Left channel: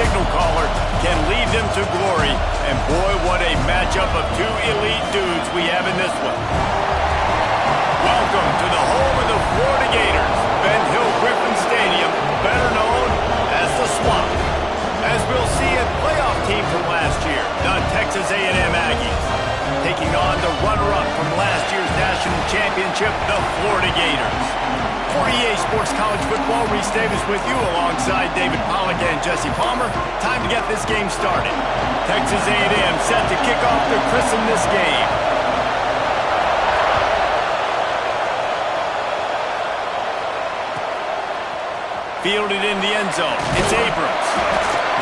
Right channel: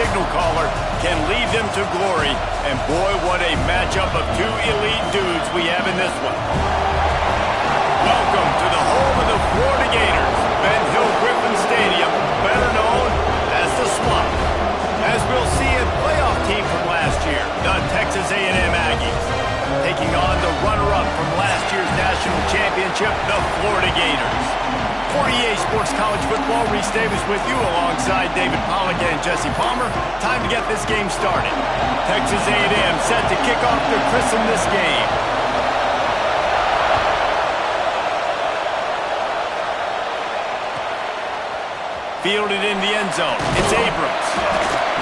signal caller can lead them to glory. And boy, what a matchup of two elite dudes we have in this one. Welcome to the home of the Florida Gators, Ben Hill Griffin Stadium, better known as the Swamp. As we'll see, a playoff team from last year, the Texas A&M Aggies, taking on the runner-up from last year's national championship, the Florida Gators. For EA Sports College Football, Reese Davis with you alongside David Pollack and Jesse Palmer. Time to get this game started. Texas A&M set to kick off to christen this game. Fielded in the end zone. It's Abrams.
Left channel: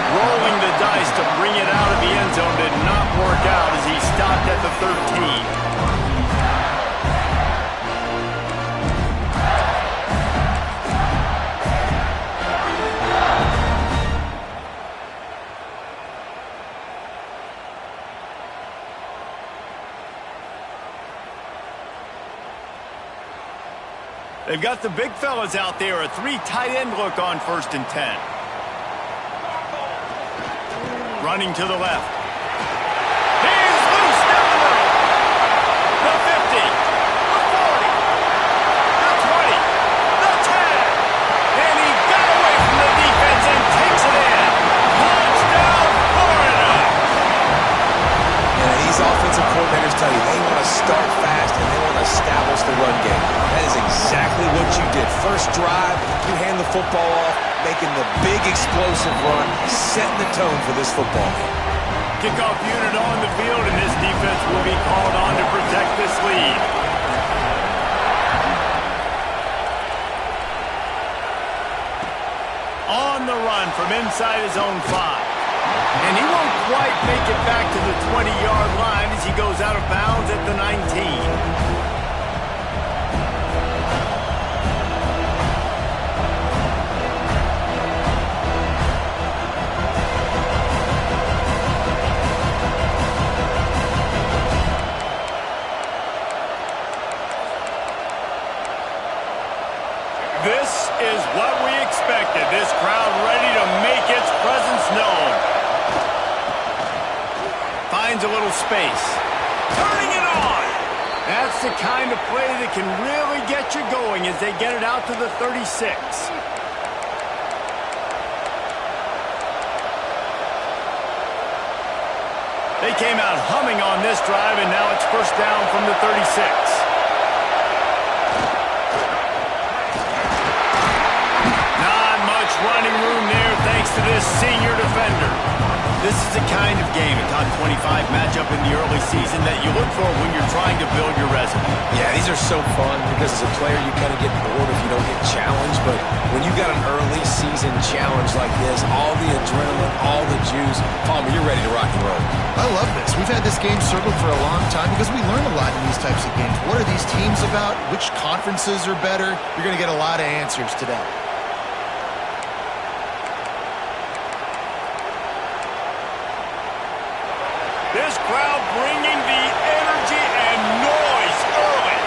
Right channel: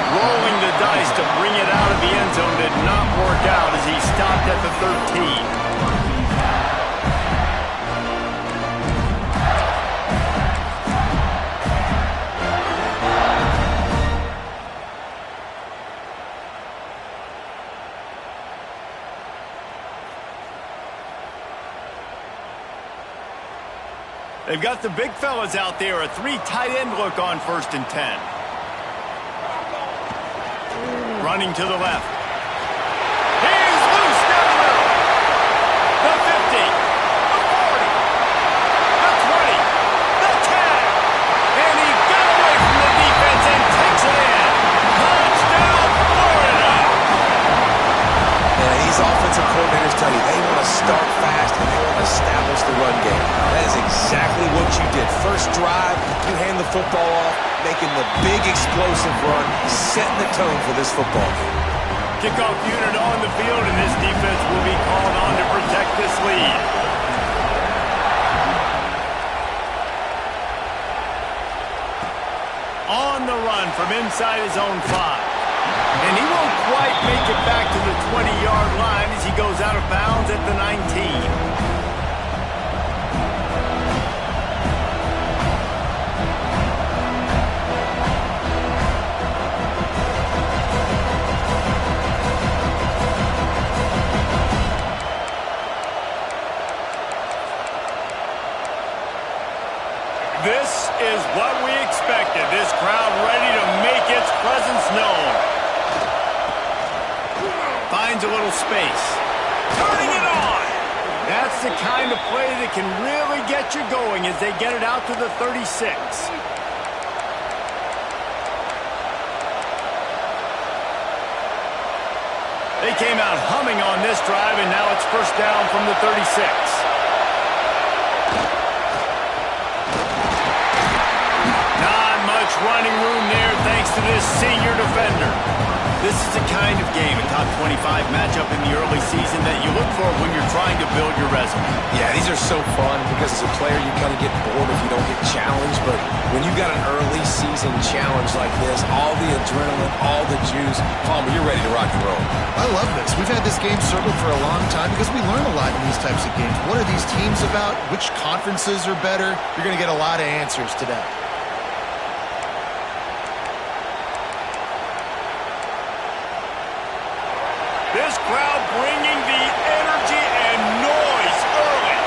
Rolling the dice to bring it out of the end zone did not work out as he stopped at the 13. They've got the big fellas out there, a three tight end look on 1st and 10. Running to the left. He's loose down the middle. The 50, the 40, the 20, the 10. And he got away from the defense and takes it in. Touchdown, Florida. Yeah, these offensive coordinators tell you they want to start fast and they want to establish the run game. That is exactly what you did. First drive, you hand the football off, making the big explosive run, setting the tone for this football game. Kickoff unit on the field, and this defense will be called on to protect this lead. On the run from inside his own 5. And he won't quite make it back to the 20-yard line as he goes out of bounds at the 19. This is what we expected. This crowd ready to make its presence known. Finds a little space. Turning it on. That's the kind of play that can really get you going as they get it out to the 36. They came out humming on this drive, and now it's first down from the 36. Running room there thanks to this senior defender. This is the kind of game, a top 25 matchup in the early season that you look for when you're trying to build your resume. Yeah, these are so fun because as a player you kind of get bored if you don't get challenged, but when you've got an early season challenge like this, all the adrenaline, all the juice, Palmer, you're ready to rock and roll. I love this. We've had this game circled for a long time because we learn a lot in these types of games. What are these teams about? Which conferences are better? You're going to get a lot of answers today. This crowd bringing the energy and noise early.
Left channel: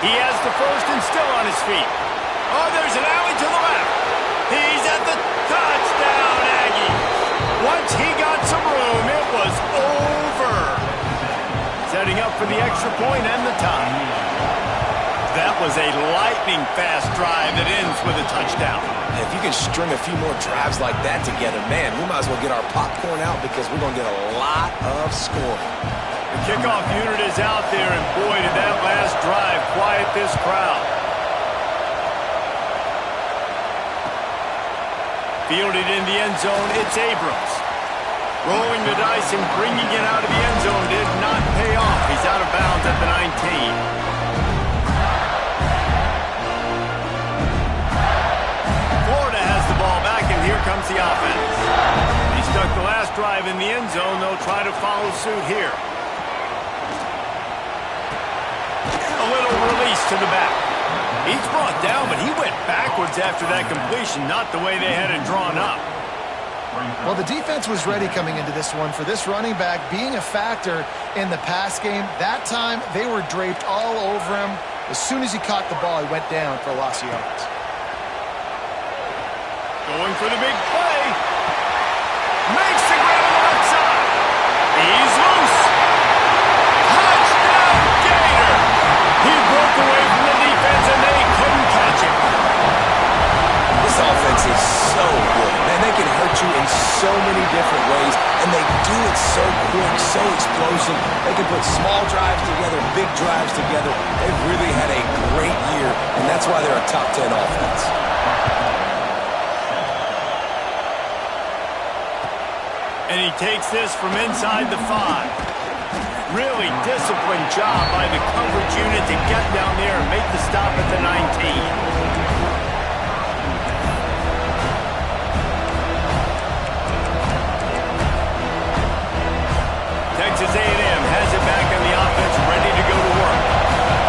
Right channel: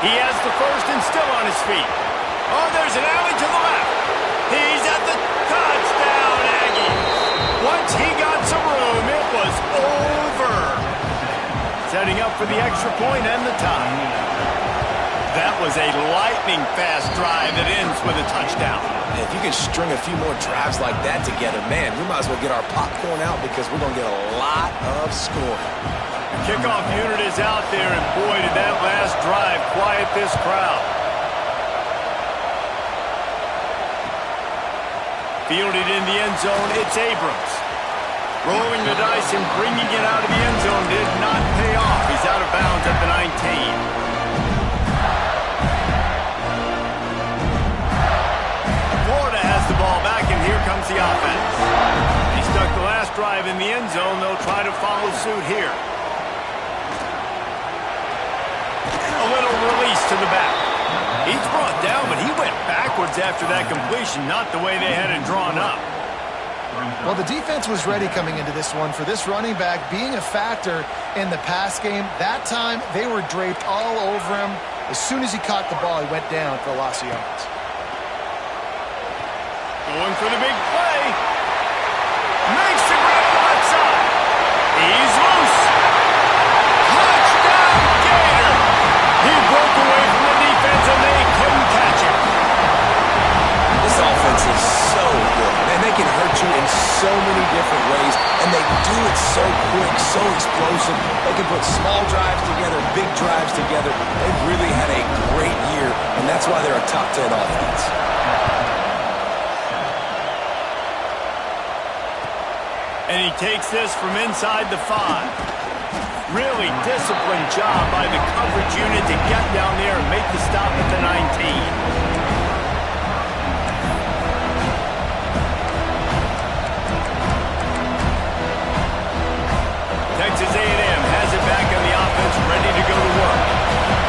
He has the first and still on his feet. Oh, there's an alley to the left. He's at the touchdown, Aggies. Once he got some room, it was over. Setting up for the extra point and the tie. That was a lightning-fast drive that ends with a touchdown. And if you can string a few more drives like that together, man, we might as well get our popcorn out because we're going to get a lot of scoring. The kickoff unit is out there, and boy, did that last drive quiet this crowd. Fielded in the end zone, it's Abrams. Rolling the dice and bringing it out of the end zone did not pay off. He's out of bounds at the 19. Florida has the ball back, and here comes the offense. He stuck the last drive in the end zone. They'll try to follow suit here. A little release to the back. He's brought down, but he went backwards after that completion, not the way they had it drawn up. Well, the defense was ready coming into this one for this running back being a factor in the pass game. That time, they were draped all over him. As soon as he caught the ball, he went down for a loss of yards. Going for the big play. Makes the grab on the left side. He's loose. Touchdown, Gator. He broke away from the defense, and they couldn't catch him. This offense is so good. Man, they can hurt you in so many different ways, and they do it so quick, so explosive. They can put small drives together, big drives together. They've really had a great year, and that's why they're a top 10 offense. And he takes this from inside the 5. Really disciplined job by the coverage unit to get down there and make the stop at the 19. Texas A&M has it back on the offense, ready to go to work.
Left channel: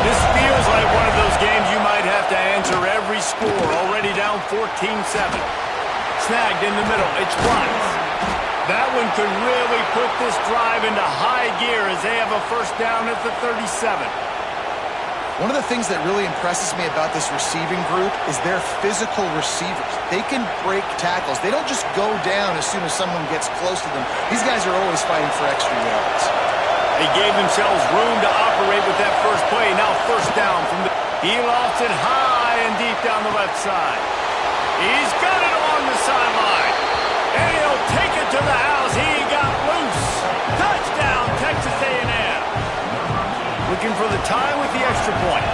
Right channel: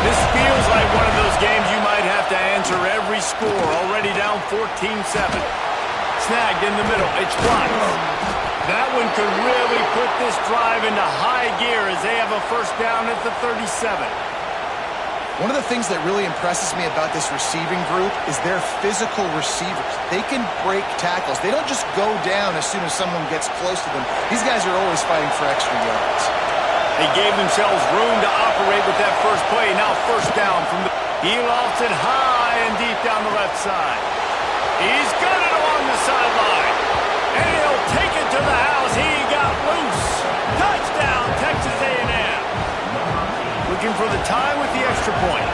This feels like one of those games you might have to answer every score. Already down 14-7. Snagged in the middle. It's blocked. That one could really put this drive into high gear as they have a first down at the 37. One of the things that really impresses me about this receiving group is their physical receivers. They can break tackles. They don't just go down as soon as someone gets close to them. These guys are always fighting for extra yards. They gave themselves room to operate with that first play. Now first down from the... He lofts it high and deep down the left side. He's got it along the sideline. And he'll take it to the house. He got loose. Touchdown, Texas A&M. Looking for the tie with the extra point.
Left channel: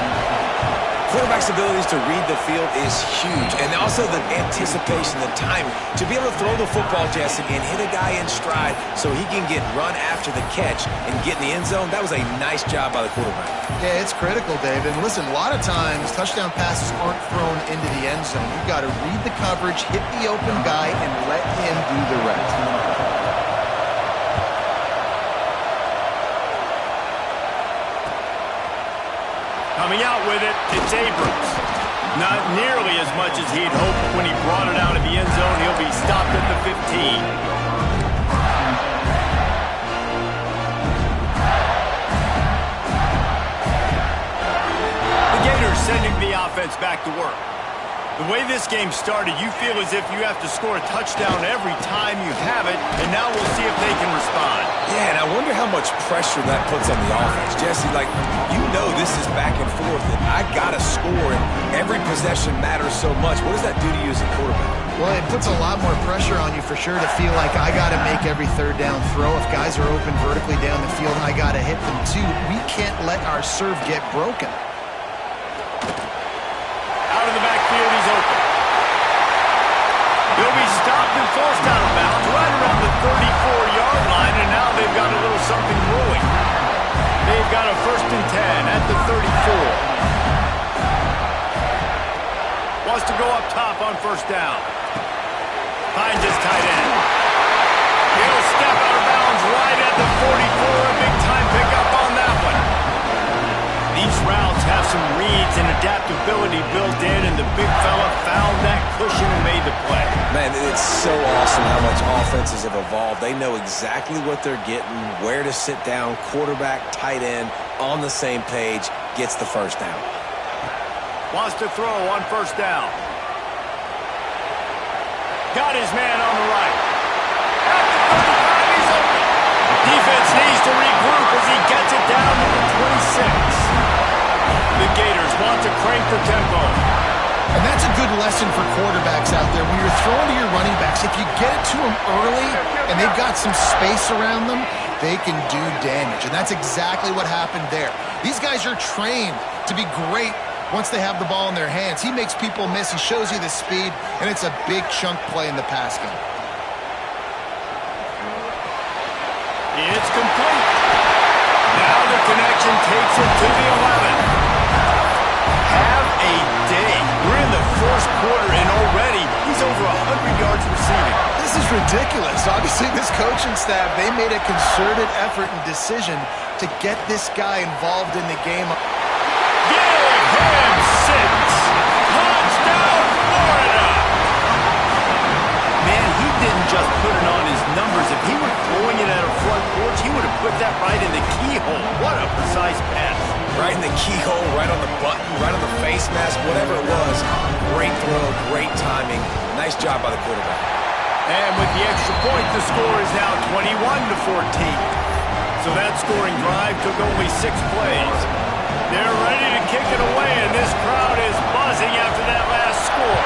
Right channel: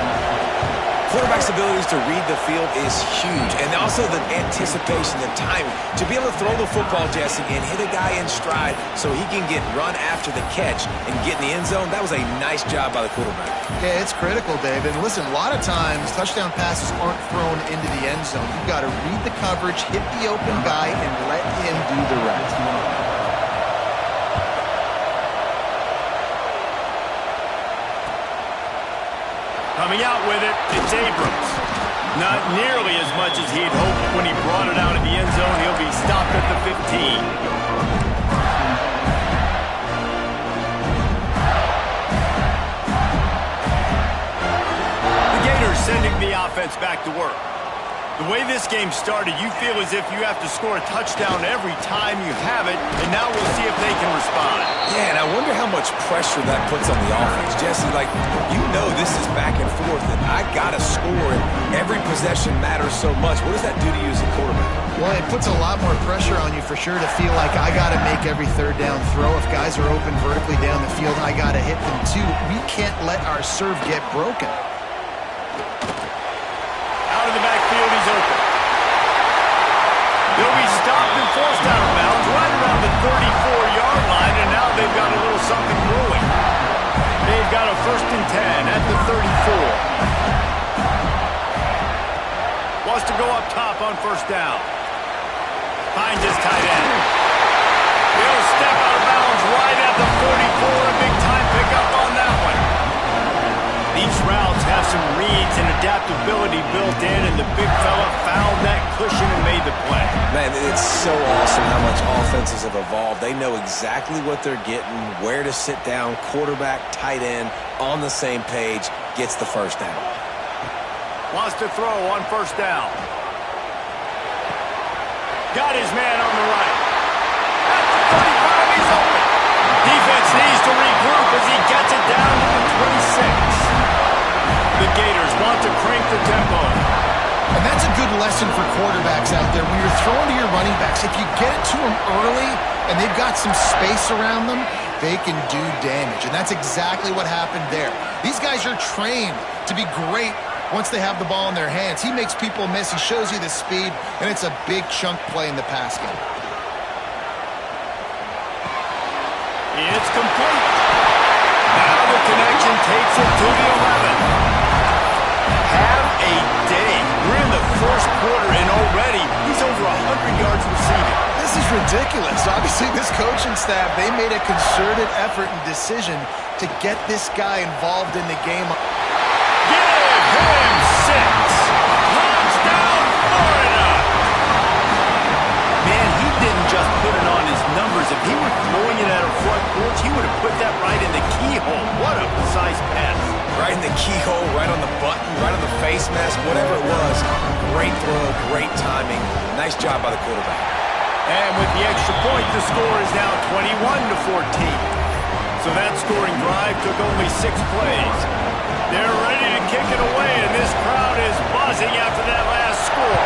Quarterback's abilities to read the field is huge. And also the anticipation, the timing. To be able to throw the football, Jesse, and hit a guy in stride so he can get run after the catch and get in the end zone, that was a nice job by the quarterback. Yeah, it's critical, Dave. And listen, a lot of times touchdown passes aren't thrown into the end zone. You've got to read the coverage, hit the open guy, and let him do the rest. Coming out with it, it's Abrams. Not nearly as much as he'd hoped when he brought it out of the end zone. He'll be stopped at the 15. The Gators sending the offense back to work. The way this game started, you feel as if you have to score a touchdown every time you have it, and now we'll see if they can respond. Yeah, and I wonder how much pressure that puts on the offense. Jesse, like, you know this is back and forth, and I got to score, and every possession matters so much. What does that do to you as a quarterback? Well, it puts a lot more pressure on you for sure to feel like I got to make every third down throw. If guys are open vertically down the field, I got to hit them too. We can't let our serve get broken. Out of the backfield, he's open. He'll be stopped and forced out of bounds right around the 34-yard line, and now they've got a little something brewing. They've got a 1st and 10 at the 34. Wants to go up top on first down. Finds his tight end. He'll step out of bounds right at the 44. A big-time pickup on that one. These routes have some reads and adaptability built in, and the big fella found that cushion and made the play. Man, it's so awesome how much offenses have evolved. They know exactly what they're getting, where to sit down, quarterback, tight end, on the same page, gets the first down. Wants to throw on first down. Got his man on the right. At the 35, he's open. Defense needs to regroup as he gets it down to the 26. The Gators want to crank the tempo. And that's a good lesson for quarterbacks out there. When you're throwing to your running backs, if you get it to them early and they've got some space around them, they can do damage. And that's exactly what happened there. These guys are trained to be great once they have the ball in their hands. He makes people miss. He shows you the speed, and it's a big chunk play in the pass game. It's complete. Now the connection takes it to the 11. Have a day. We're in the first quarter, and already he's over 100 yards receiving. This is ridiculous. Obviously, this coaching staff, they made a concerted effort and decision to get this guy involved in the game. Give him 6. Touchdown, Florida. Man, he didn't just put it on his numbers. If he were throwing it at a front porch, he would have put that right in the keyhole. What a precise pass. Right in the keyhole, right on the button, right on the face mask, whatever it was. Great throw, great timing. Nice job by the quarterback. And with the extra point, the score is now 21-14. So that scoring drive took only 6 plays. They're ready to kick it away, and this crowd is buzzing after that last score.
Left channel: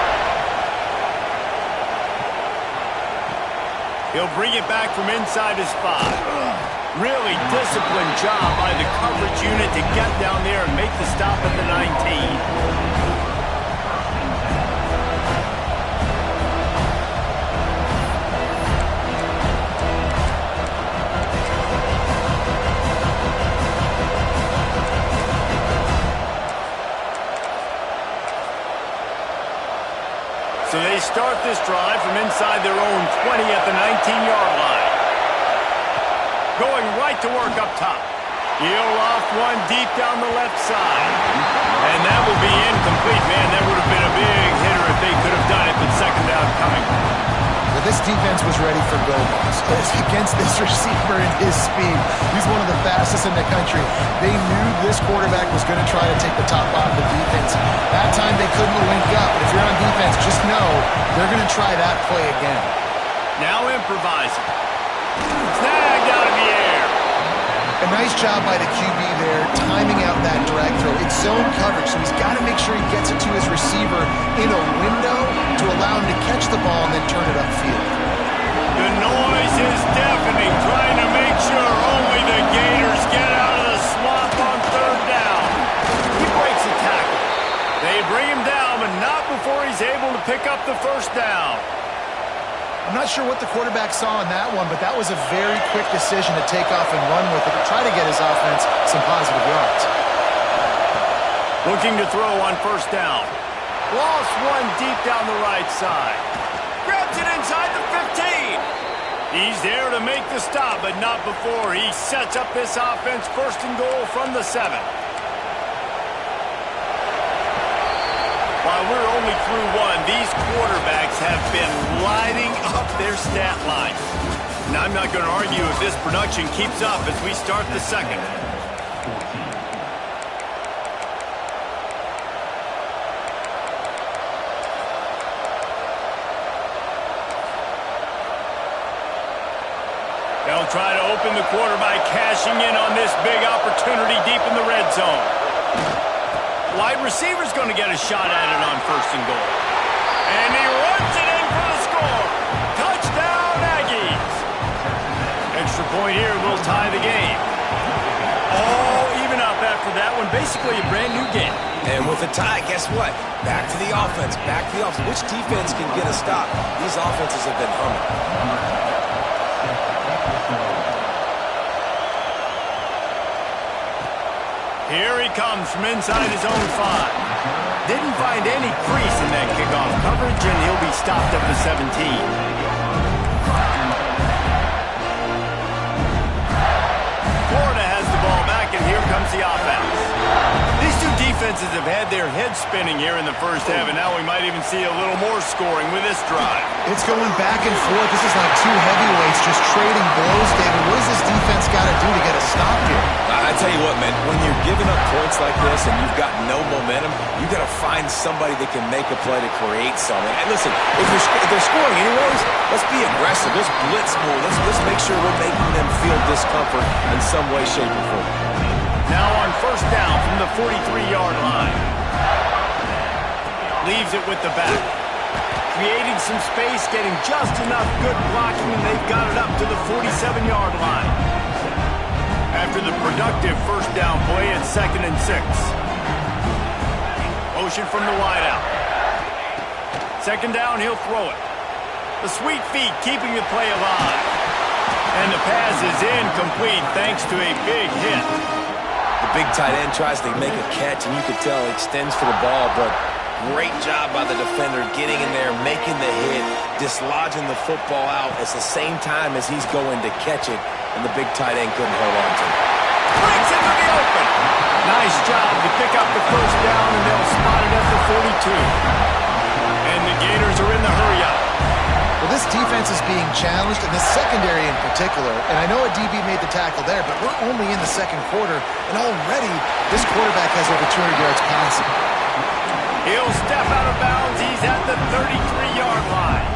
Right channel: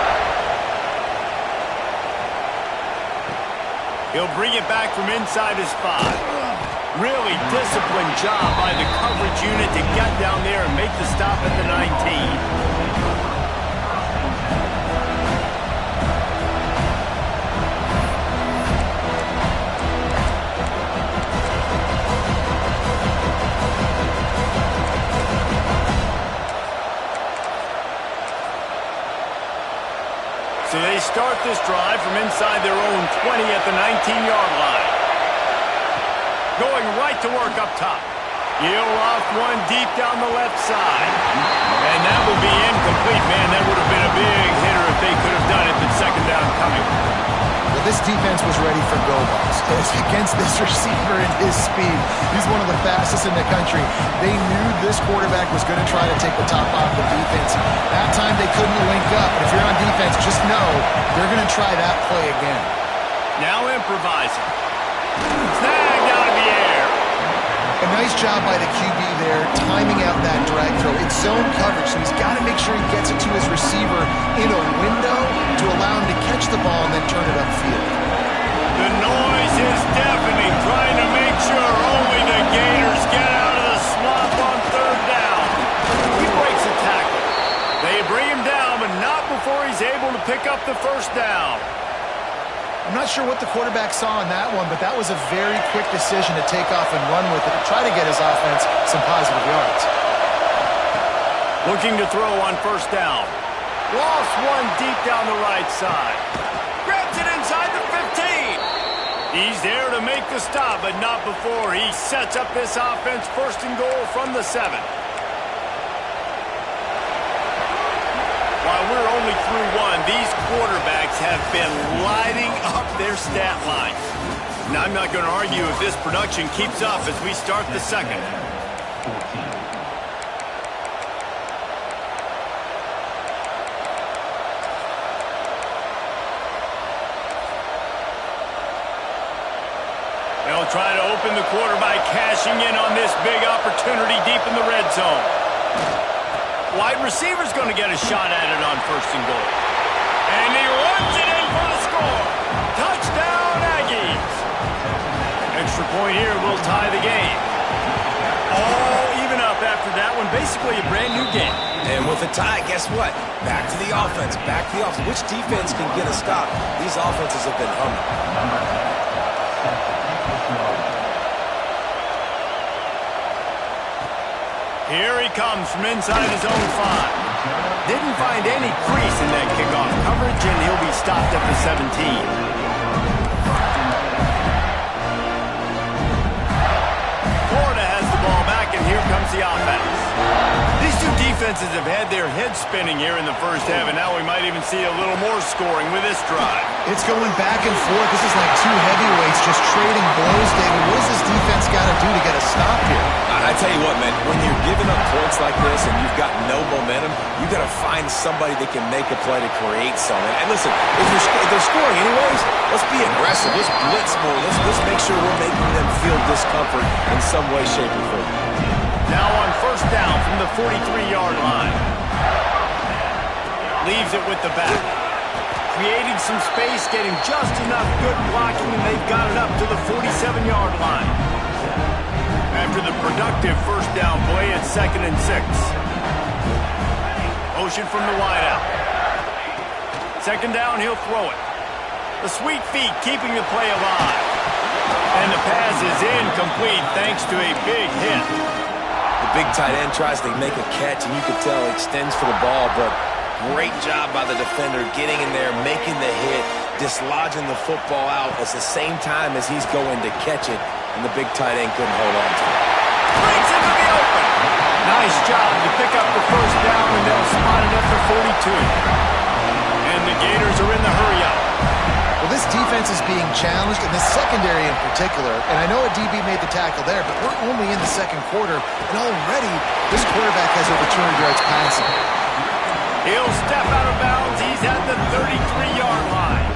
He'll bring it back from inside his 5. Really disciplined job by the coverage unit to get down there and make the stop at the 19. So they start this drive from inside their own 20 at the 19-yard line. Going right to work up top. He'll loft one deep down the left side. And that will be incomplete. Man, that would have been a big hitter if they could have done it, but second down coming. But this defense was ready for go balls. Against this receiver and his speed, he's one of the fastest in the country. They knew this quarterback was going to try to take the top off the defense. That time they couldn't link up, but if you're on defense, just know they're going to try that play again. Now improvising. Snagged out of the air. A nice job by the QB there, timing out that drag throw. It's zone coverage, so he's got to make sure he gets it to his receiver in a window to allow him to catch the ball and then turn it upfield. The noise is deafening, trying to make sure only the Gators get out of the swamp on third down. He breaks a tackle. They bring him down, but not before he's able to pick up the first down. I'm not sure what the quarterback saw in that one, but that was a very quick decision to take off and run with it to try to get his offense some positive yards. Looking to throw on first down. Lost one deep down the right side. Grabs it inside the 15. He's there to make the stop, but not before he sets up this offense first and goal from the 7. While we're only through one, these quarterbacks have been lighting up their stat lines. Now, I'm not going to argue if this production keeps up as we start the second. They'll try to open the quarter by cashing in on this big opportunity deep in the red zone. Wide receiver's going to get a shot at it on first and goal. And he runs it in for the score. Touchdown, Aggies. Extra point here will tie the game. All even up after that one. Basically a brand new game. And with a tie, guess what? Back to the offense. Back to the offense. Which defense can get a stop? These offenses have been humming. Here he comes from inside his own 5. Didn't find any crease in that kickoff coverage, and he'll be stopped at the 17. Florida has the ball back, and here comes the offense. These two defenses have had their heads spinning here in the first half, and now we might even see a little more scoring with this drive. It's going back and forth. This is like two heavyweights just trading blows, David. What does this defense got to do to get a stop here? I tell you what, man, when you're giving up points like this and you've got no momentum, you got to find somebody that can make a play to create something. And listen, if they're scoring anyways, let's be aggressive. Let's blitz more. Let's make sure we're making them feel discomfort in some way, shape, or form. Now on first down from the 43-yard line. Leaves it with the back. Creating some space, getting just enough good blocking, and they've got it up to the 47-yard line. After the productive first down play, it's 2nd and 6. Motion from the wideout. Second down, he'll throw it. The sweet feet keeping the play alive. And the pass is incomplete thanks to a big hit. The big tight end tries to make a catch, and you could tell he extends for the ball, but great job by the defender getting in there, making the hit, dislodging the football out at the same time as he's going to catch it, and the big tight end couldn't hold on to it. Breaks into the open. Nice job to pick up the first down, and they'll spot it at the 42. And the Gators are in the hurry-up. Well, Well, this defense is being challenged, and the secondary in particular. And I know a DB made the tackle there, but we're only in the second quarter, and already this quarterback has over 200 yards passing. He'll step out of bounds. He's at the 33-yard line.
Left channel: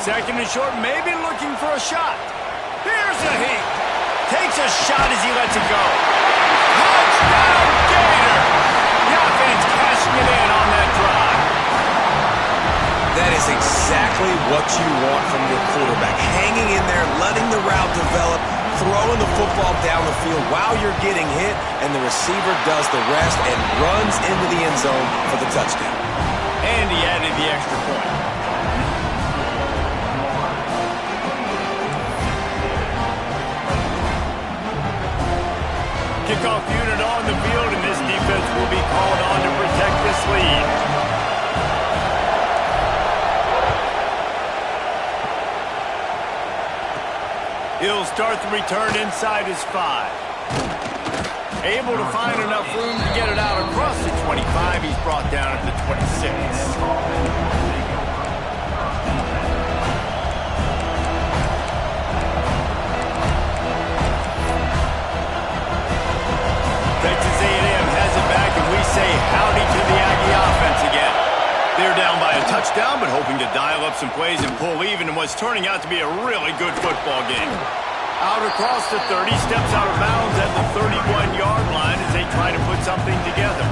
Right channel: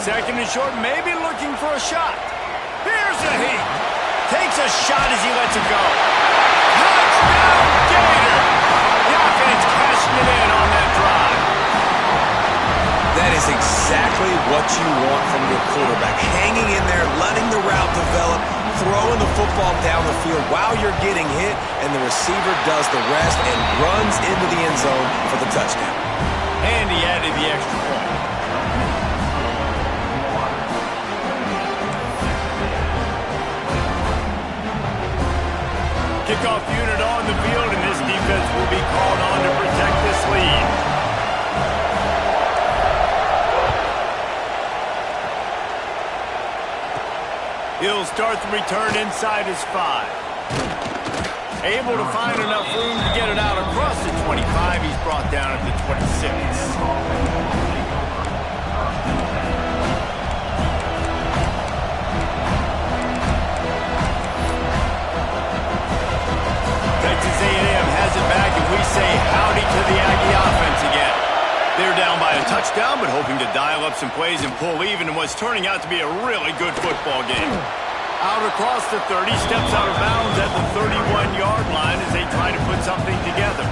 Second and short, maybe looking for a shot. Here's a heat. Takes a shot as he lets it go. Touchdown, Gator! The offense cashing it in on that drive. That is exactly what you want from your quarterback. Hanging in there, letting the route develop, throwing the football down the field while you're getting hit, and the receiver does the rest and runs into the end zone for the touchdown. And he added the extra point. Kickoff unit on the field, and this defense will be called on to protect this lead. He'll start the return inside his 5. Able to find enough room to get it out across the 25. He's brought down at the 26. Texas A&M has it back, and we say howdy to the Aggie offense again. They're down by a touchdown, but hoping to dial up some plays and pull even in what's turning out to be a really good football game. Out across the 30, steps out of bounds at the 31-yard line as they try to put something together.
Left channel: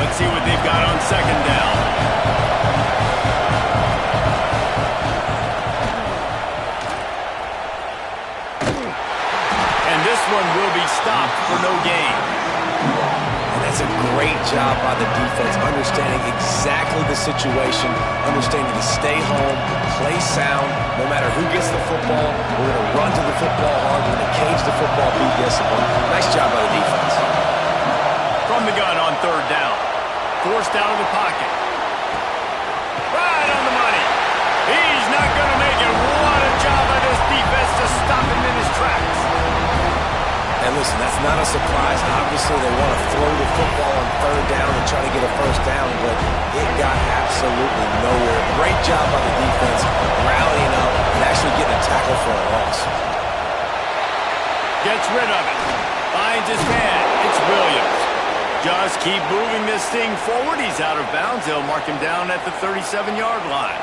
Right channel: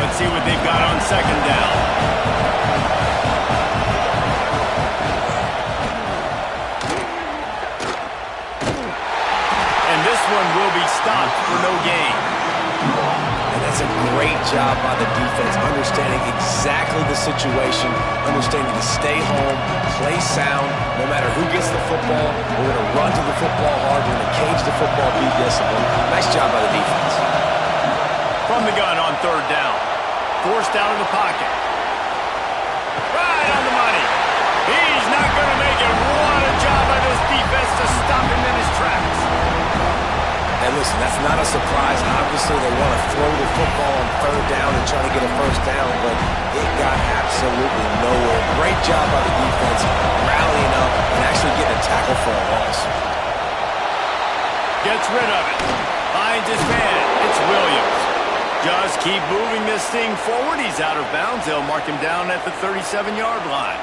Let's see what they've got on second down. And this one will be stopped for no gain. And that's a great job by the defense, understanding exactly the situation, understanding to stay home, play sound. No matter who gets the football, we're going to run to the football hard. We're going to cage the football, be disciplined. Nice job by the defense. From the gun on third down. Forced out of the pocket. Right on the money. He's not going to make it. What a job by this defense to stop him in his tracks. And listen, that's not a surprise. Obviously, they want to throw the football on third down and try to get a first down, but it got absolutely nowhere. Great job by the defense, rallying up and actually getting a tackle for a loss. Gets rid of it. Finds his man. It's Williams. Just keep moving this thing forward. He's out of bounds. They'll mark him down at the 37-yard line.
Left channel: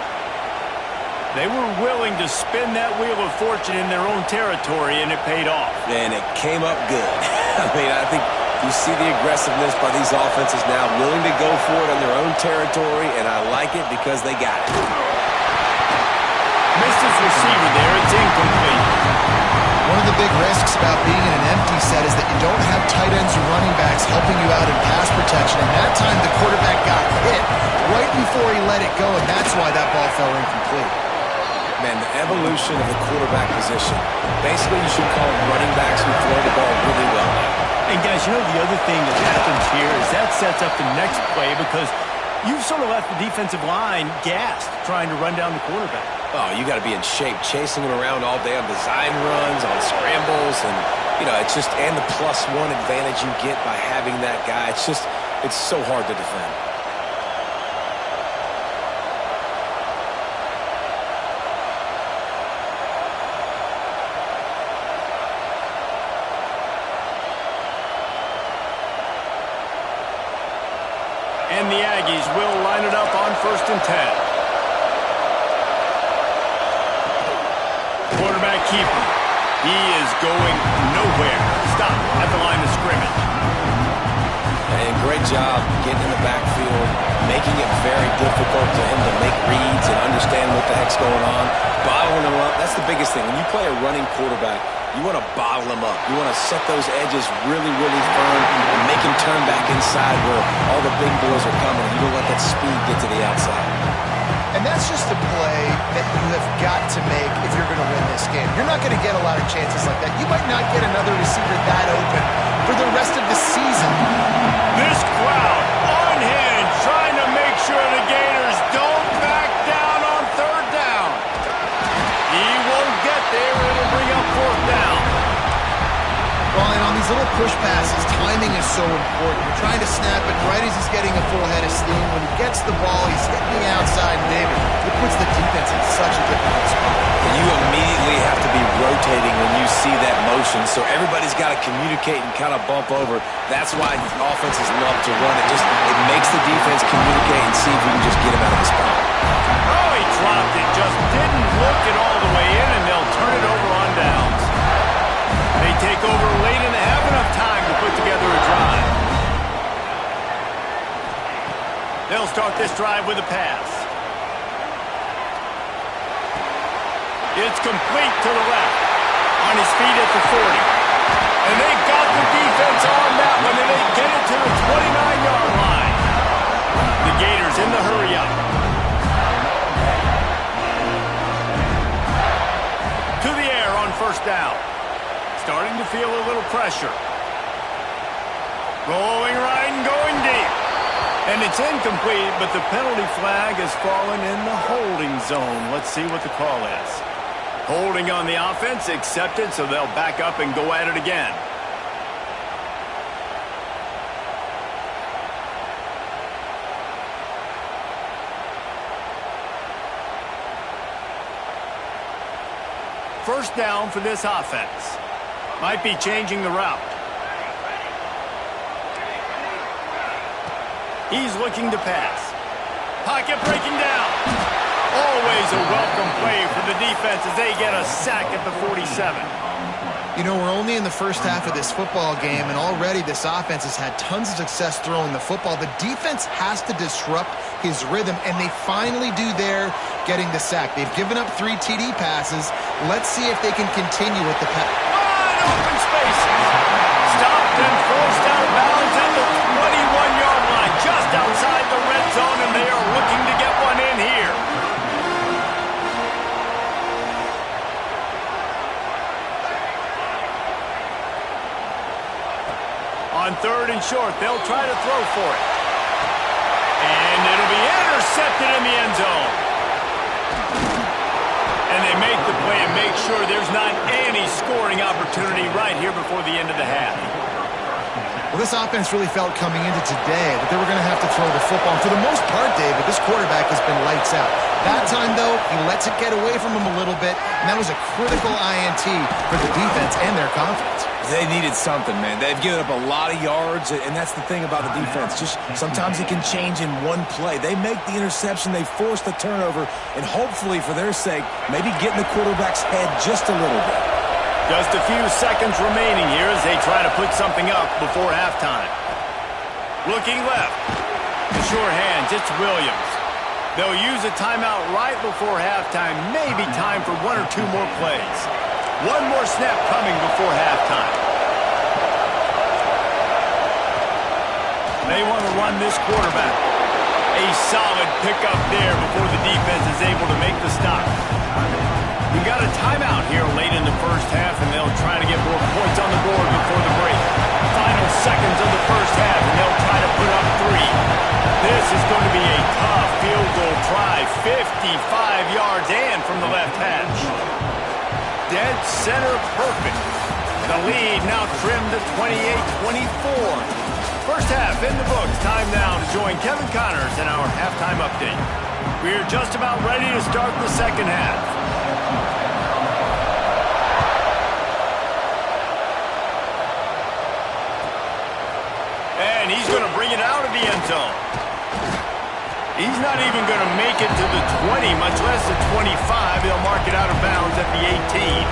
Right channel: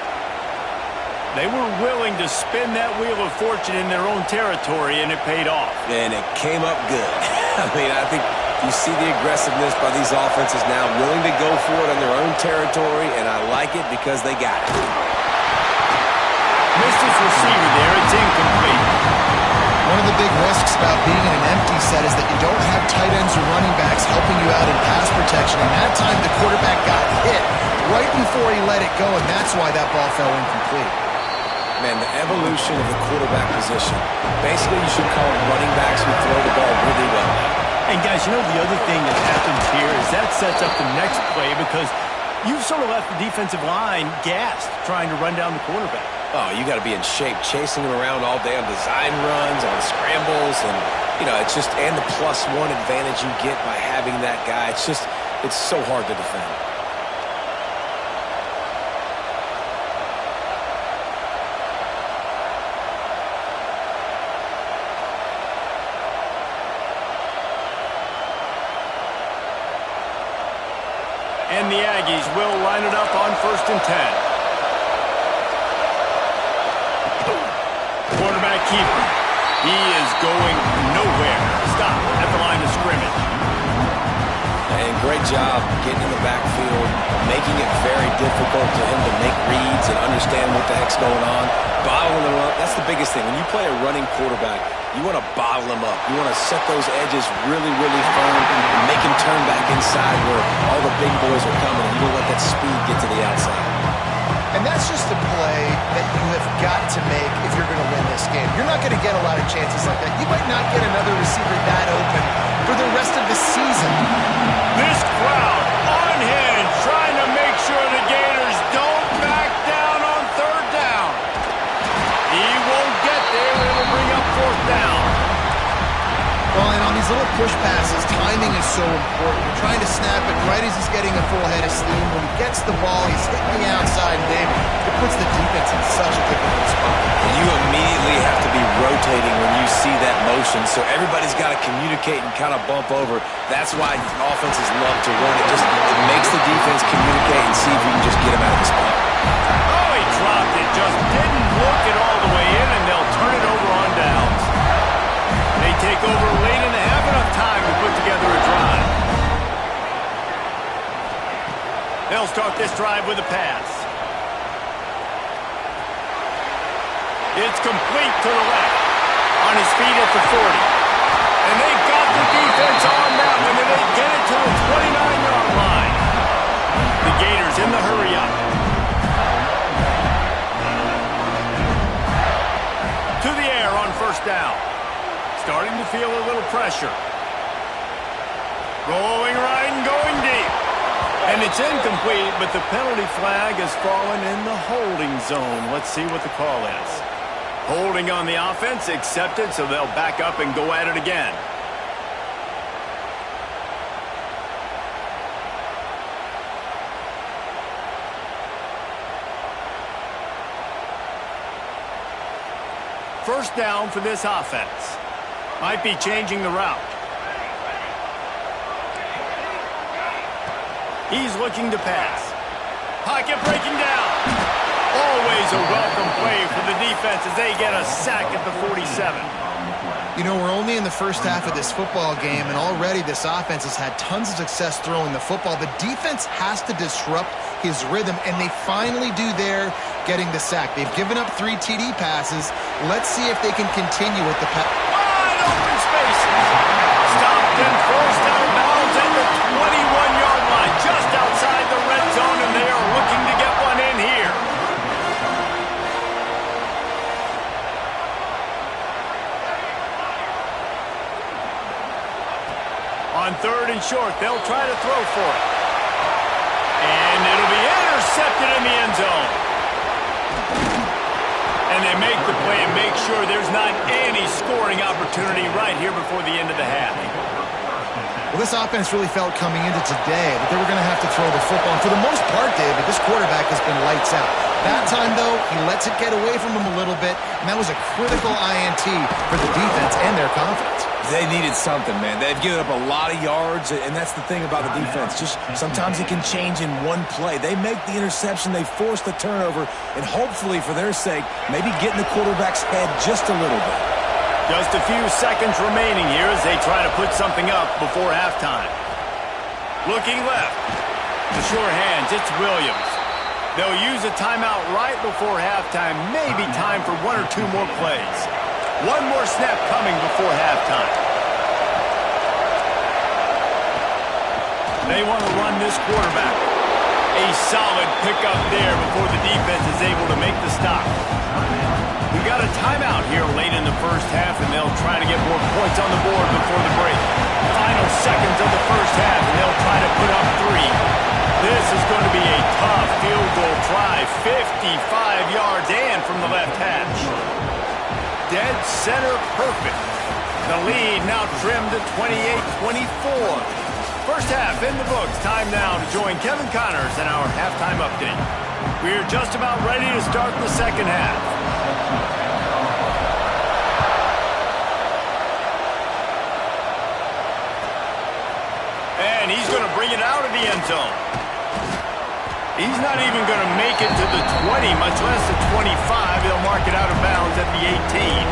They were willing to spin that wheel of fortune in their own territory, and it paid off. And it came up good. I mean, I think you see the aggressiveness by these offenses now, willing to go for it on their own territory, and I like it because they got it. Missed his receiver there. It's incomplete. One of the big risks about being in an empty set is that you don't have tight ends or running backs helping you out in pass protection, and that time the quarterback got hit right before he let it go, and that's why that ball fell incomplete. Man, the evolution of the quarterback position. Basically, you should call them running backs who throw the ball really well now. And, guys, you know the other thing that happens here is that sets up the next play because you've sort of left the defensive line gassed trying to run down the quarterback. Oh, you got to be in shape, chasing him around all day on design runs, on scrambles, and, you know, it's just, and the +1 advantage you get by having that guy. It's just, it's so hard to defend. And the Aggies will line it up on 1st and 10. Quarterback keeper. He is going nowhere. Stop at the line of scrimmage. And great job getting in the backfield, making it very difficult for him to make reads and understand what the heck's going on. Bottling him up, that's the biggest thing. When you play a running quarterback, you want to bottle him up. You want to set those edges really, really firm and make him turn back inside where all the big boys are coming. You don't let that speed get to the outside. And that's just a play that you have got to make if you're going to win this game. You're not going to get a lot of chances like that. You might not get another receiver that open for the rest of the season. This crowd unhinged, trying to make sure the Gators don't back down on third down. He won't get there. It'll bring up 4th down. Well, and And on these little push passes, timing is so important. You're trying to snap it right as he's getting a full head of steam. When he gets the ball, he's hitting the outside, and David, it puts the defense in such a difficult spot. And you immediately have to be rotating when you see that motion, so everybody's got to communicate and kind of bump over. That's why offenses love to run it. It makes the defense communicate and see if you can just get him out of the spot. Oh, he dropped it. Just didn't look it all the way in, and they'll turn it over on downs. They take over late and they have enough time to put together a drive. They'll start this drive with a pass. It's complete to the left. On his feet at the 40. And they got the defense on that one, and they get it to the 29-yard line. The Gators in the hurry up. To the air on first down. Starting to feel a little pressure. Rolling right and going deep. And it's incomplete, but the penalty flag has fallen in the holding zone. Let's see what the call is. Holding on the offense, accepted, so they'll back up and go at it again. First down for this offense. Might be changing the route. He's looking to pass. Pocket breaking down. Always a welcome play for the defense as they get a sack at the 47. You know, we're only in the first half of this football game, and already this offense has had tons of success throwing the football. The defense has to disrupt his rhythm, and they finally do there, getting the sack. They've given up 3 TD passes. Let's see if they can continue with the pass. Wide open spaces. Stopped and forced out of bounds at the 21-yard line, just outside the red zone, and they are looking to get one in here. On third and short, they'll try to throw for it. And it'll be intercepted in the end zone. And they make the play and make sure there's not any scoring opportunity right here before the end of the half. Well, this offense really felt coming into today that they were going to have to throw the football. And for the most part, David, this quarterback has been lights out. That time, though, he lets it get away from him a little bit, and that was a critical INT for the defense and their confidence. They needed something, man. They've given up a lot of yards, and that's the thing about the defense. Just sometimes it can change in one play. They make the interception, they force the turnover, and hopefully, for their sake, maybe get in the quarterback's head just a little bit. Just a few seconds remaining here as they try to put something up before halftime. Looking left. The sure hands, it's Williams. They'll use a timeout right before halftime. Maybe time for 1 or 2 more plays. One more snap coming before halftime. They want to run this quarterback. A solid pickup there before the defense is able to make the stop. We got a timeout here late in the first half, and they'll try to get more points on the board before the break. Final seconds of the first half, and they'll try to put up 3. This is going to be a tough field goal try. 55 yards and from the left hash. Dead center perfect. The lead now trimmed to 28-24. First half in the books. Time now to join Kevin Connors in our halftime update. We're just about ready to start the second half. And he's going to bring it out of the end zone. He's not even going to make it to the 20, much less the 25. They'll mark it out of bounds at the 18.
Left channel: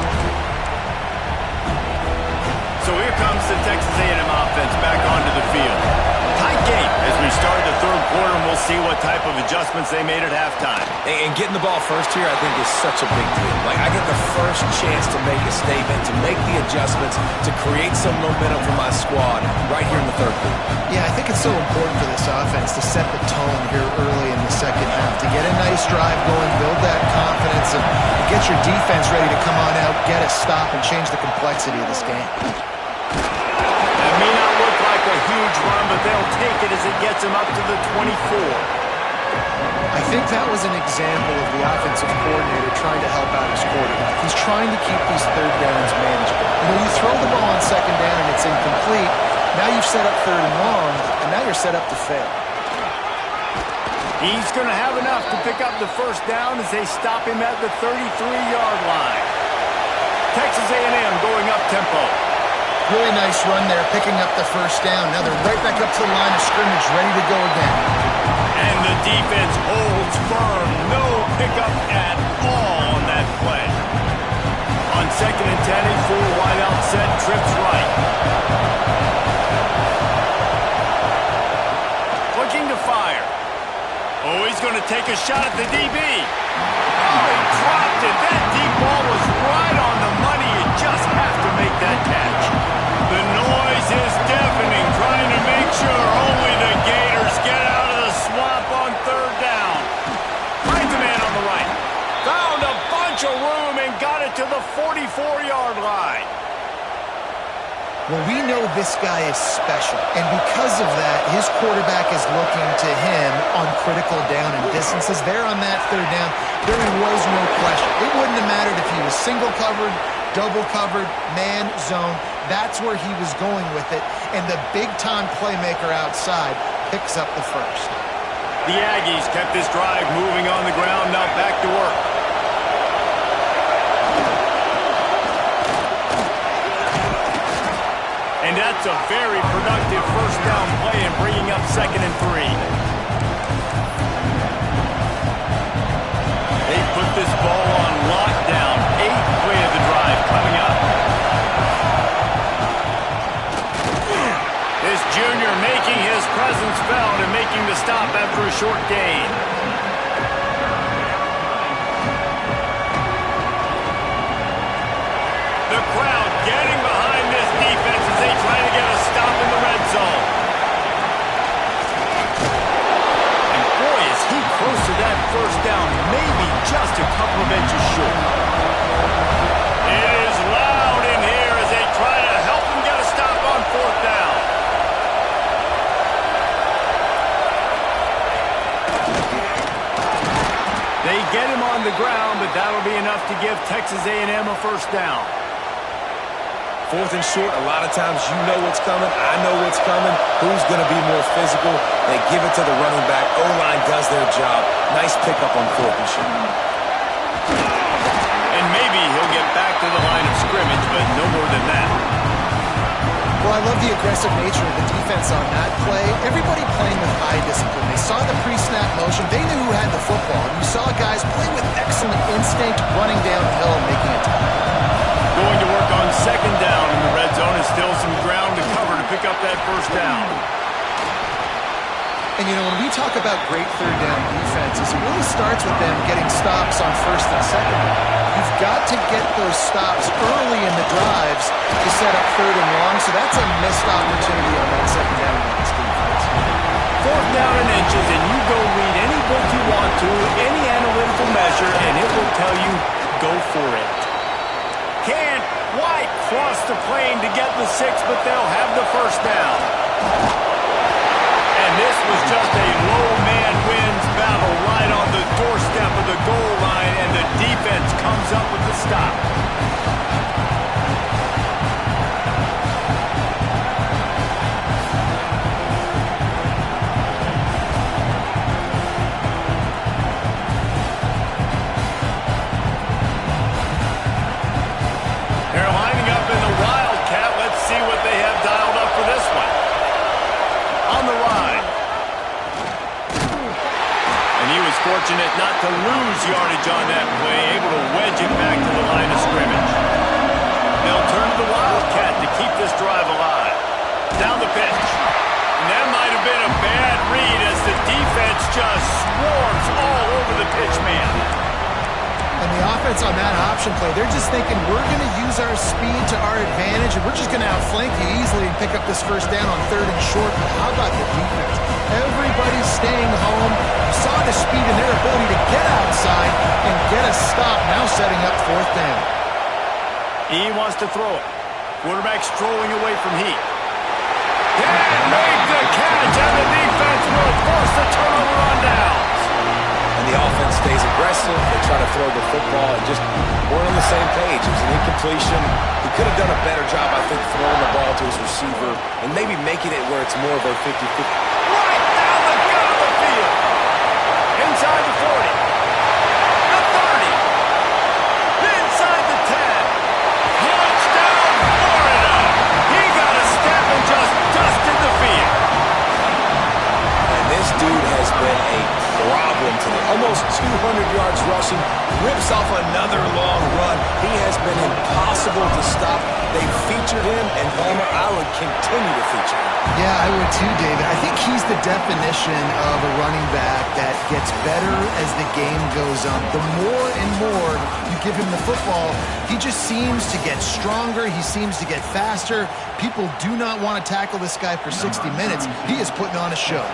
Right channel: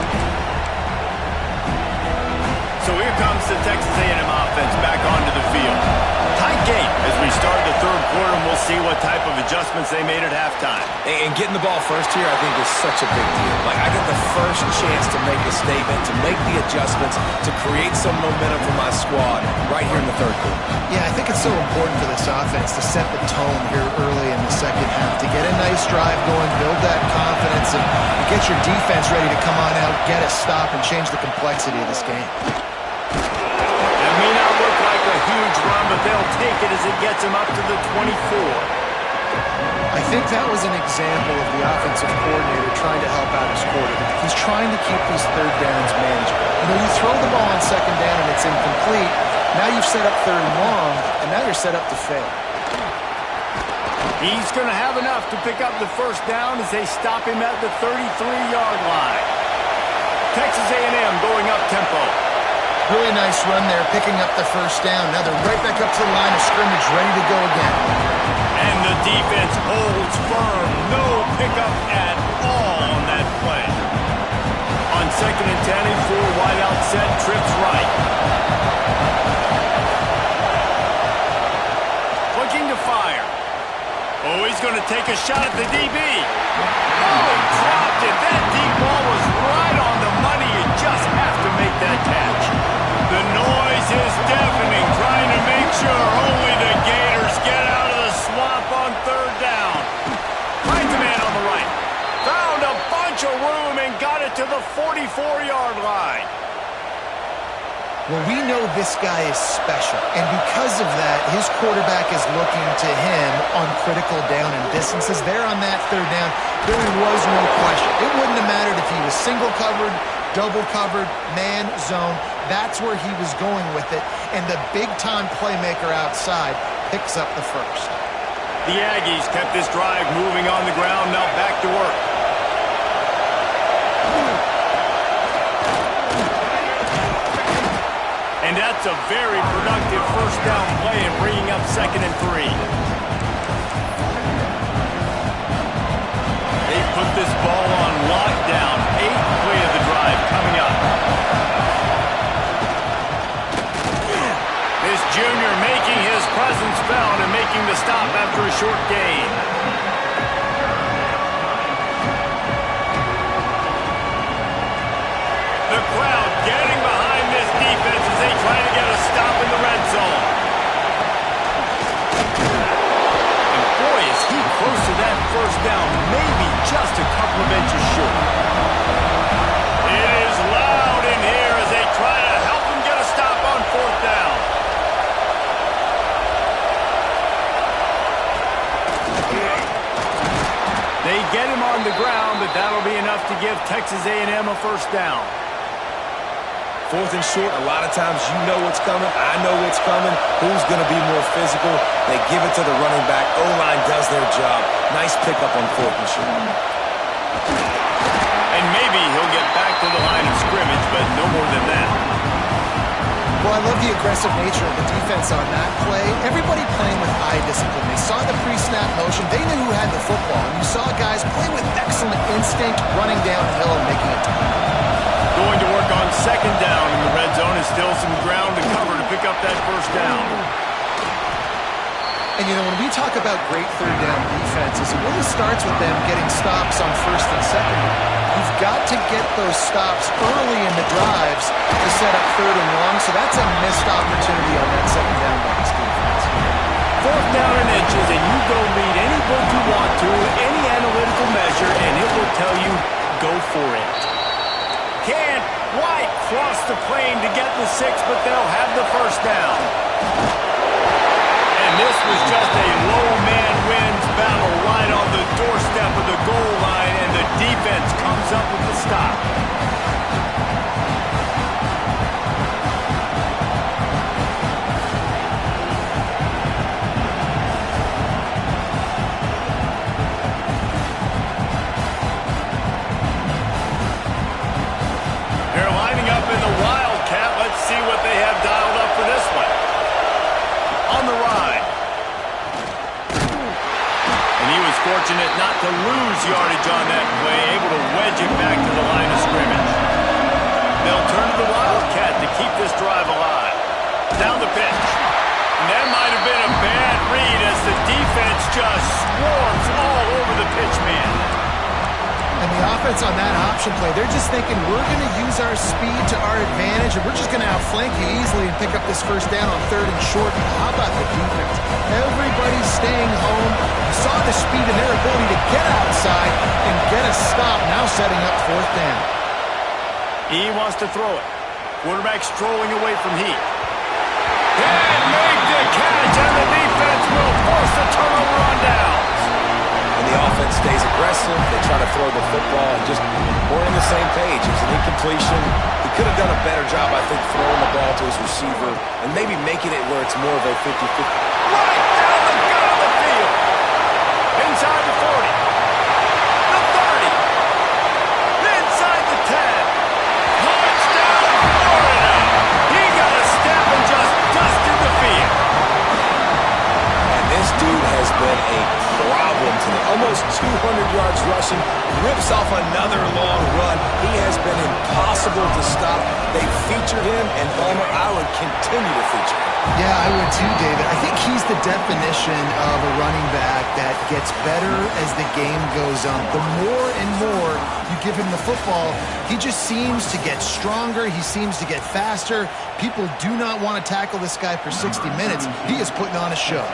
So here comes the Texas A&M offense back onto the field. Tight game as we start the third quarter, and we'll see what type of adjustments they made at halftime. And getting the ball first here, I think, is such a big deal. Like, I get the first chance to make a statement, to make the adjustments, to create some momentum for my squad right here in the third quarter. Yeah, I think it's so important for this offense to set the tone here early in the second half, to get a nice drive going, build that confidence, and get your defense ready to come on out, get a stop, and change the complexity of this game. That may not look like a huge run, but they'll take it as it gets them up to the 24. I think that was an example of the offensive coordinator trying to help out his quarterback. He's trying to keep these third downs manageable. You know, you throw the ball on second down and it's incomplete. Now you've set up third and long, and now you're set up to fail. He's going to have enough to pick up the first down as they stop him at the 33-yard line. Texas A&M going up tempo. Really nice run there, picking up the first down. Now they're right back up to the line of scrimmage, ready to go again. And the defense holds firm. No pickup at all on that play. On second and 10, a full wideout set, trips right. Looking to fire. Oh, he's going to take a shot at the DB. Oh, he dropped it. That deep ball was right on the money. You just have to make that catch. The noise is deafening, trying to make sure only the Gators get out of the swamp on third down. Finds a man on the right. Found a bunch of room and got it to the 44-yard line. Well, we know this guy is special, and because of that, his quarterback is looking to him on critical down and distances. There on that third down, there was no question. It wouldn't have mattered if he was single covered, double covered, man, zone. That's where he was going with it, and the big-time playmaker outside picks up the first. The Aggies kept this drive moving on the ground, now back to work. And that's a very productive first down play and bringing up second and 3. They put this ball on lockdown. 8th play of the drive coming up. This junior making his presence felt and making the stop after a short gain. The crowd getting behind this defense as they try to get a stop in the red zone. And boy, is he close to that first down, maybe just a couple of inches short. It is loud in here as they try to help him get a stop on fourth down. They get him on the ground, but that'll be enough to give Texas A&M a first down. Fourth and short, a lot of times you know what's coming. I know what's coming. Who's going to be more physical? They give it to the running back. O-line does their job. Nice pickup on fourth and short. And maybe he'll get back to the line of scrimmage, but no more than that. Well, I love the aggressive nature of the defense on that play. Everybody playing with high discipline. They saw the pre-snap motion. They knew who had the football. And you saw guys play with excellent instinct, running downhill and making it time. Going to work on second down in the red zone. Is still some ground to cover to pick up that first down. And, you know, when we talk about great third down defenses, it really starts with them getting stops on first and second. You've got to get those stops early in the drives to set up third and long, so that's a missed opportunity on that second down by this defense. Fourth down and inches, and you go read any book you want to, any analytical measure, and it will tell you, go for it. Can't quite cross the plane to get the 6, but they'll have the first down. And this was just a low man wins battle right on the doorstep of the goal line, and the defense comes up with the stop. They're lining up in the Wildcat. Let's see what they have dialed up for this one. On the ride. And he was fortunate not to lose yardage on that play, able to wedge it back to the line of scrimmage. They'll turn to the Wildcat to keep this drive alive. Down the pitch. And that might have been a bad read as the defense just swarms all over the pitch man. And the offense on that option play, they're just thinking we're going to use our speed to our advantage and we're just going to outflank you easily and pick up this first down on third and short. But how about the defense? Everybody's staying home. You saw the speed and their ability to get outside and get a stop, now setting up fourth down. He wants to throw it. Quarterback strolling away from Heat. Can't make the catch, and the defense will force the turnover on downs. and the offense stays aggressive. They try to throw the football and just weren't on the same page. It was an incompletion. He could have done a better job, I think, throwing the ball to his receiver and maybe making it where it's more of a 50-50. Right down the gut of the field. Inside the 40. The 30. Inside the 10. Touchdown, Florida. He got a step and just dusted the field. And this dude has been a problem today. Almost 200 yards rushing. Rips off another long run. He has been impossible to stop. They featured him, and Palmer, I would continue to feature him. Yeah, I would too, David. I think he's the definition of a running back that gets better as the game goes on. The more and more you give him the football, he just seems to get stronger. He seems to get faster. People do not want to tackle this guy for 60 minutes. He is putting on a show.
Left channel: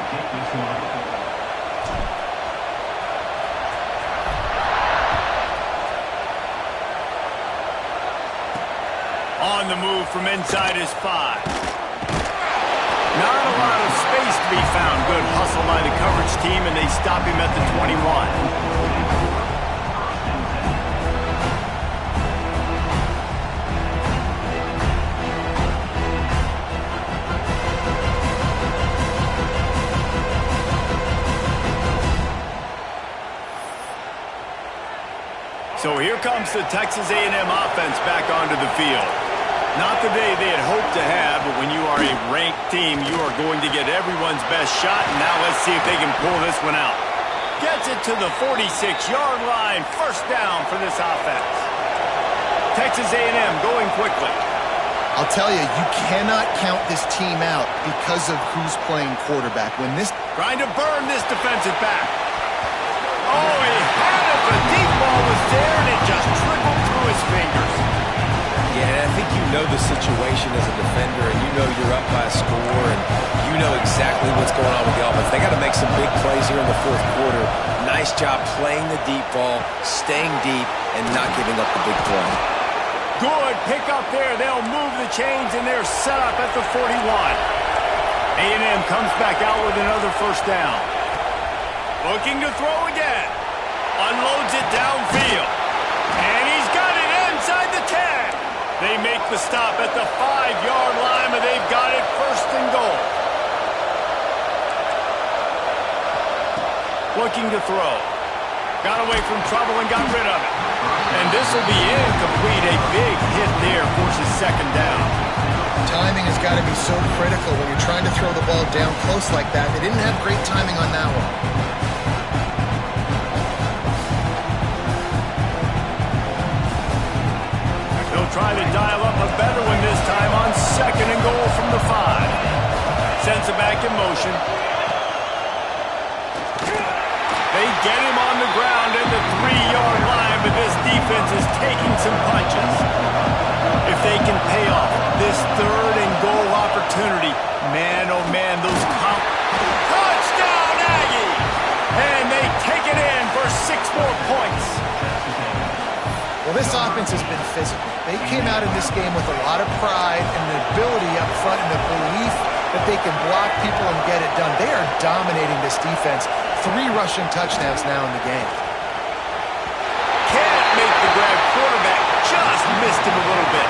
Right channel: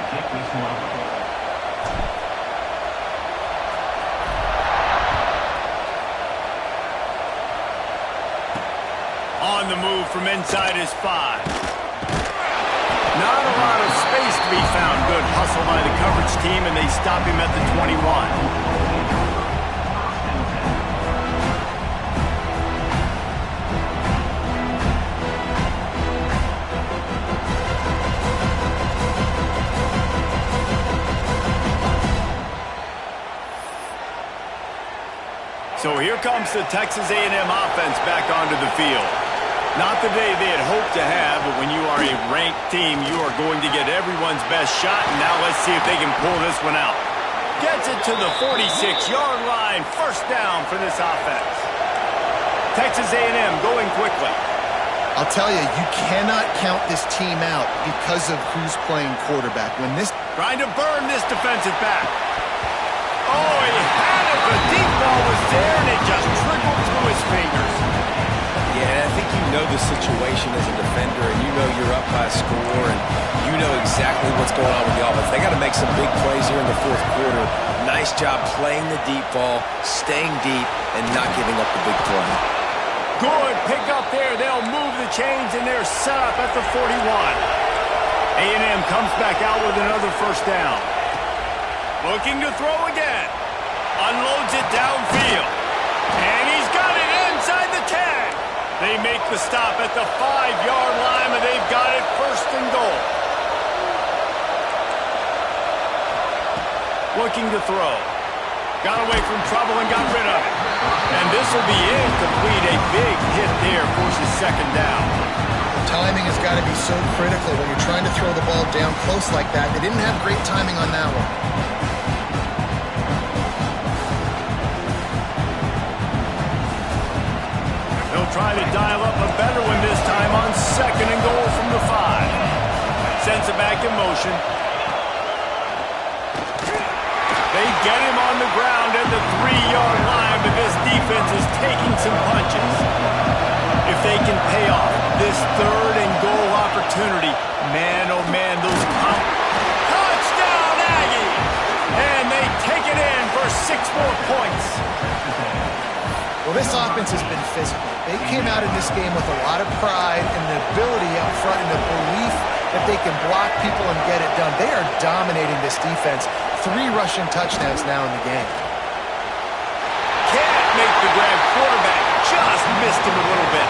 On the move from inside his 5. Not a lot of space to be found. Good hustle by the coverage team, and they stop him at the 21. So here comes the Texas A&M offense back onto the field. Not the day they had hoped to have, but when you are a ranked team, you are going to get everyone's best shot, and now let's see if they can pull this one out. Gets it to the 46-yard line. First down for this offense. Texas A&M going quickly. I'll tell you, you cannot count this team out because of who's playing quarterback. When this Trying to burn this defensive back. Oh, he had it. The deep ball was there, and it just trickled through his fingers. Yeah, I think you know the situation as a defender, and you know you're up by a score, and you know exactly what's going on with the offense. They got to make some big plays here in the fourth quarter. Nice job playing the deep ball, staying deep, and not giving up the big play. Good pick up there. They'll move the chains, and they're set up at the 41. A&M comes back out with another first down. Looking to throw again. Unloads it downfield. And he's got it inside the 10. They make the stop at the 5-yard line, and they've got it first and goal. Looking to throw. Got away from trouble and got rid of it. And this will be incomplete. A big hit there forces second down. timing has got to be so critical when you're trying to throw the ball down close like that. They didn't have great timing on that one. They'll try to dial up a better one this time on second and goal from the 5. Sends it back in motion. They get him on the ground at the 3-yard line, but this defense is taking some punches. If they can pay off this third and goal opportunity, man, oh man, those touchdown Aggies! And they take it in for 6 more points. Well, this offense has been physical. They came out in this game with a lot of pride and the ability up front and the belief that they can block people and get it done. They are dominating this defense. 3 rushing touchdowns now in the game. Can't make the grab. Quarterback just missed him a little bit.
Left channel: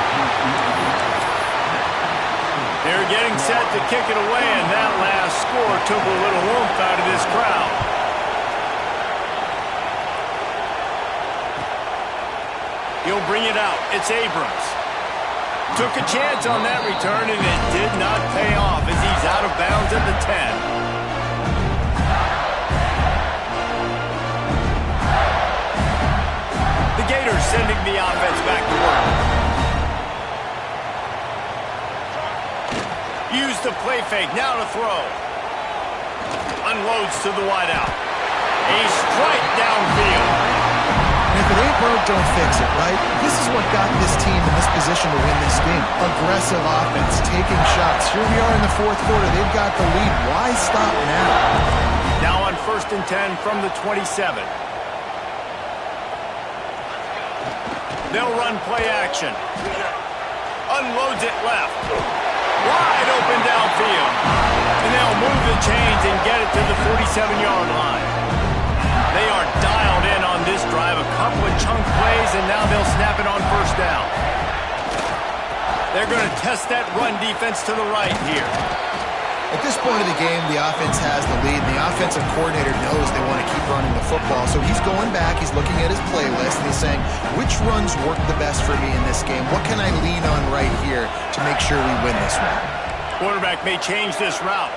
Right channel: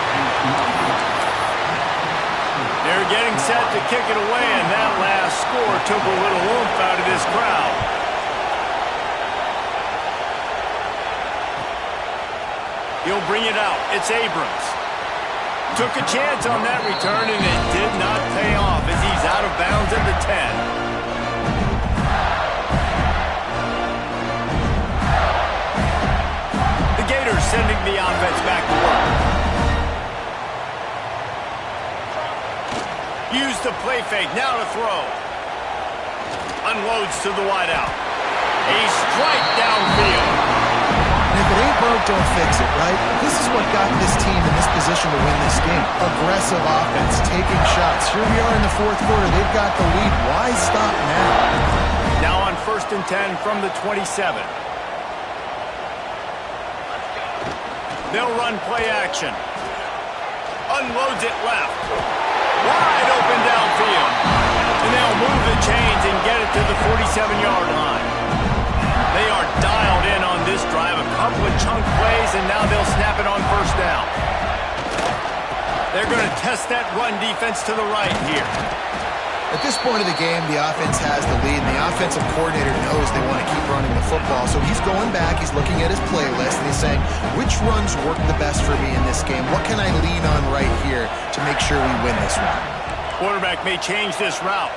They're getting set to kick it away, and that last score took a little oomph out of this crowd. He'll bring it out. It's Abrams. Took a chance on that return, and it did not pay off as he's out of bounds at the 10. The Gators sending the offense back to work. Use the play fake. Now to throw. Unloads to the wideout. A strike downfield. And if it ain't broke, don't fix it, right? This is what got this team in this position to win this game. Aggressive offense, taking shots. Here we are in the fourth quarter. They've got the lead. Why stop now? Now on 1st and 10 from the 27. They'll run play action. Unloads it left. Wide open downfield. And they'll move the chains and get it to the 47-yard line. They are dialed in on this drive. A couple of chunk plays, and now they'll snap it on first down. They're going to test that run defense to the right here. At this point of the game, the offense has the lead, and the offensive coordinator knows they want to keep running the football. So he's going back, he's looking at his playlist, and he's saying, which runs work the best for me in this game? What can I lean on right here to make sure we win this one? Quarterback may change this route.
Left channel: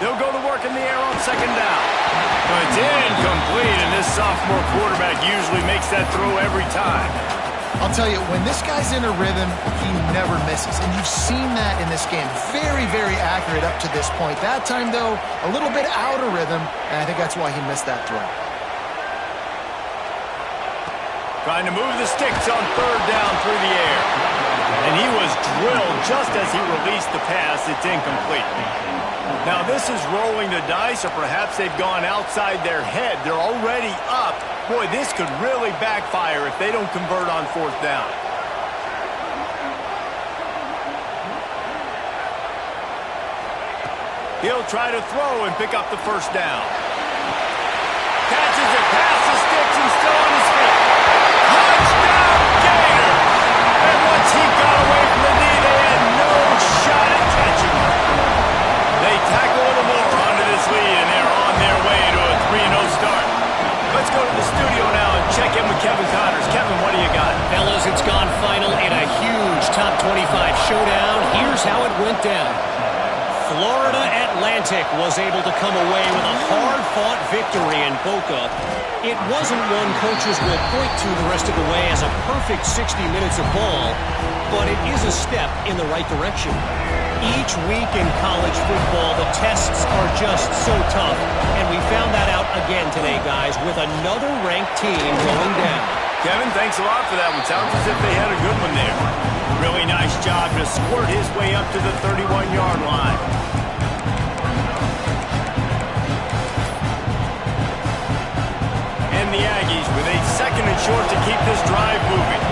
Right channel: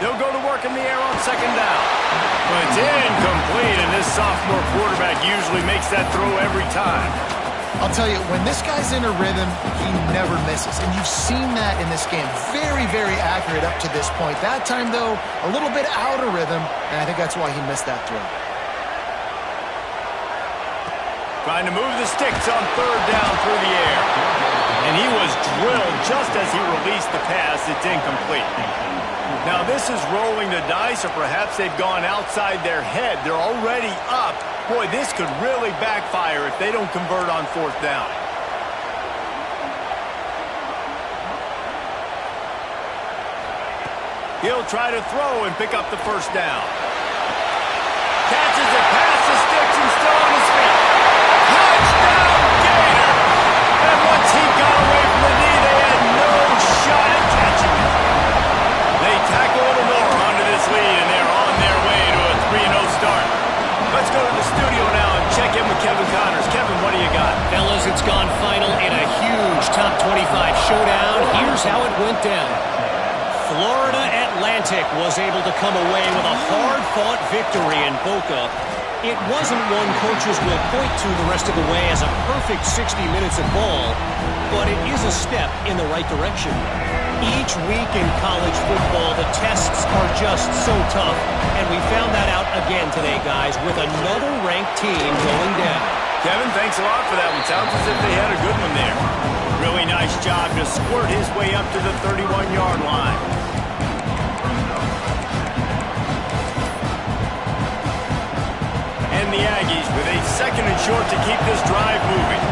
They'll go to work in the air on second down. But it's incomplete, and this sophomore quarterback usually makes that throw every time. I'll tell you, when this guy's in a rhythm, he never misses. And you've seen that in this game. Very, very accurate up to this point. That time, though, a little bit out of rhythm, and I think that's why he missed that throw. Trying to move the sticks on third down through the air. And he was drilled just as he released the pass. It's incomplete. Now, this is rolling the dice, or perhaps they've gone outside their head. They're already up. Boy, this could really backfire if they don't convert on fourth down. He'll try to throw and pick up the first down. Catches it past the sticks and still on his feet. Touchdown, Gator! And once he got away from the knee, they had no shot at catching him. They tack a little more onto this lead, and they're on their way to a 3-0 start. Let's go to the studio now and check in with Kevin Connors. Kevin, what do you got? Fellas, it's gone final in a huge top 25 showdown. Here's how it went down. Florida Atlantic was able to come away with a hard-fought victory in Boca. It wasn't one coaches will point to the rest of the way as a perfect 60 minutes of ball, but it is a step in the right direction. Each week in college football, the tests are just so tough, and we found that out again today, guys, with another ranked team going down. Kevin, thanks a lot for that one. Sounds as if they had a good one there. Really nice job to squirt his way up to the 31-yard line. And the Aggies with a second and short to keep this drive moving.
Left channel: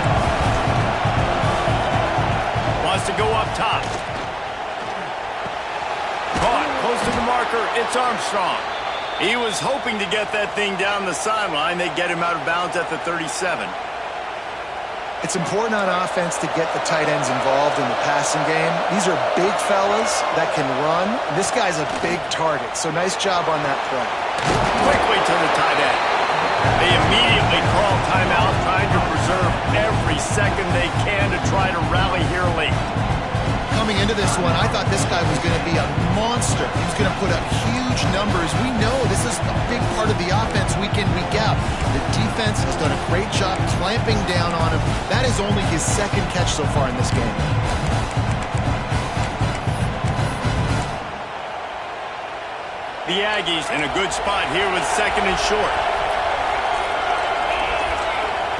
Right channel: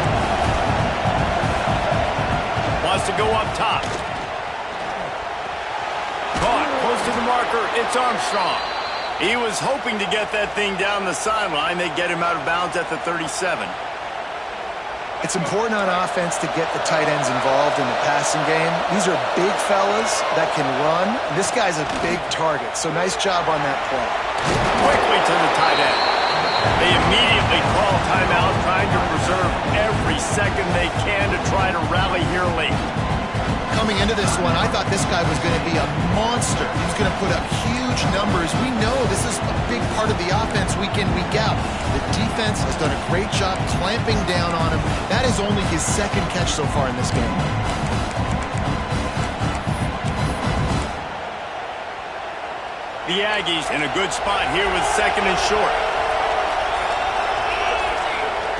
Wants to go up top. Caught close to the marker. It's Armstrong. He was hoping to get that thing down the sideline. They get him out of bounds at the 37. It's important on offense to get the tight ends involved in the passing game. These are big fellas that can run. This guy's a big target, so nice job on that play. Quickly to the tight end. They immediately call timeout, trying to preserve every second they can to try to rally here late. Coming into this one, I thought this guy was going to be a monster. He was going to put up huge numbers. We know this is a big part of the offense week in, week out. The defense has done a great job clamping down on him. That is only his second catch so far in this game. The Aggies in a good spot here with second and short.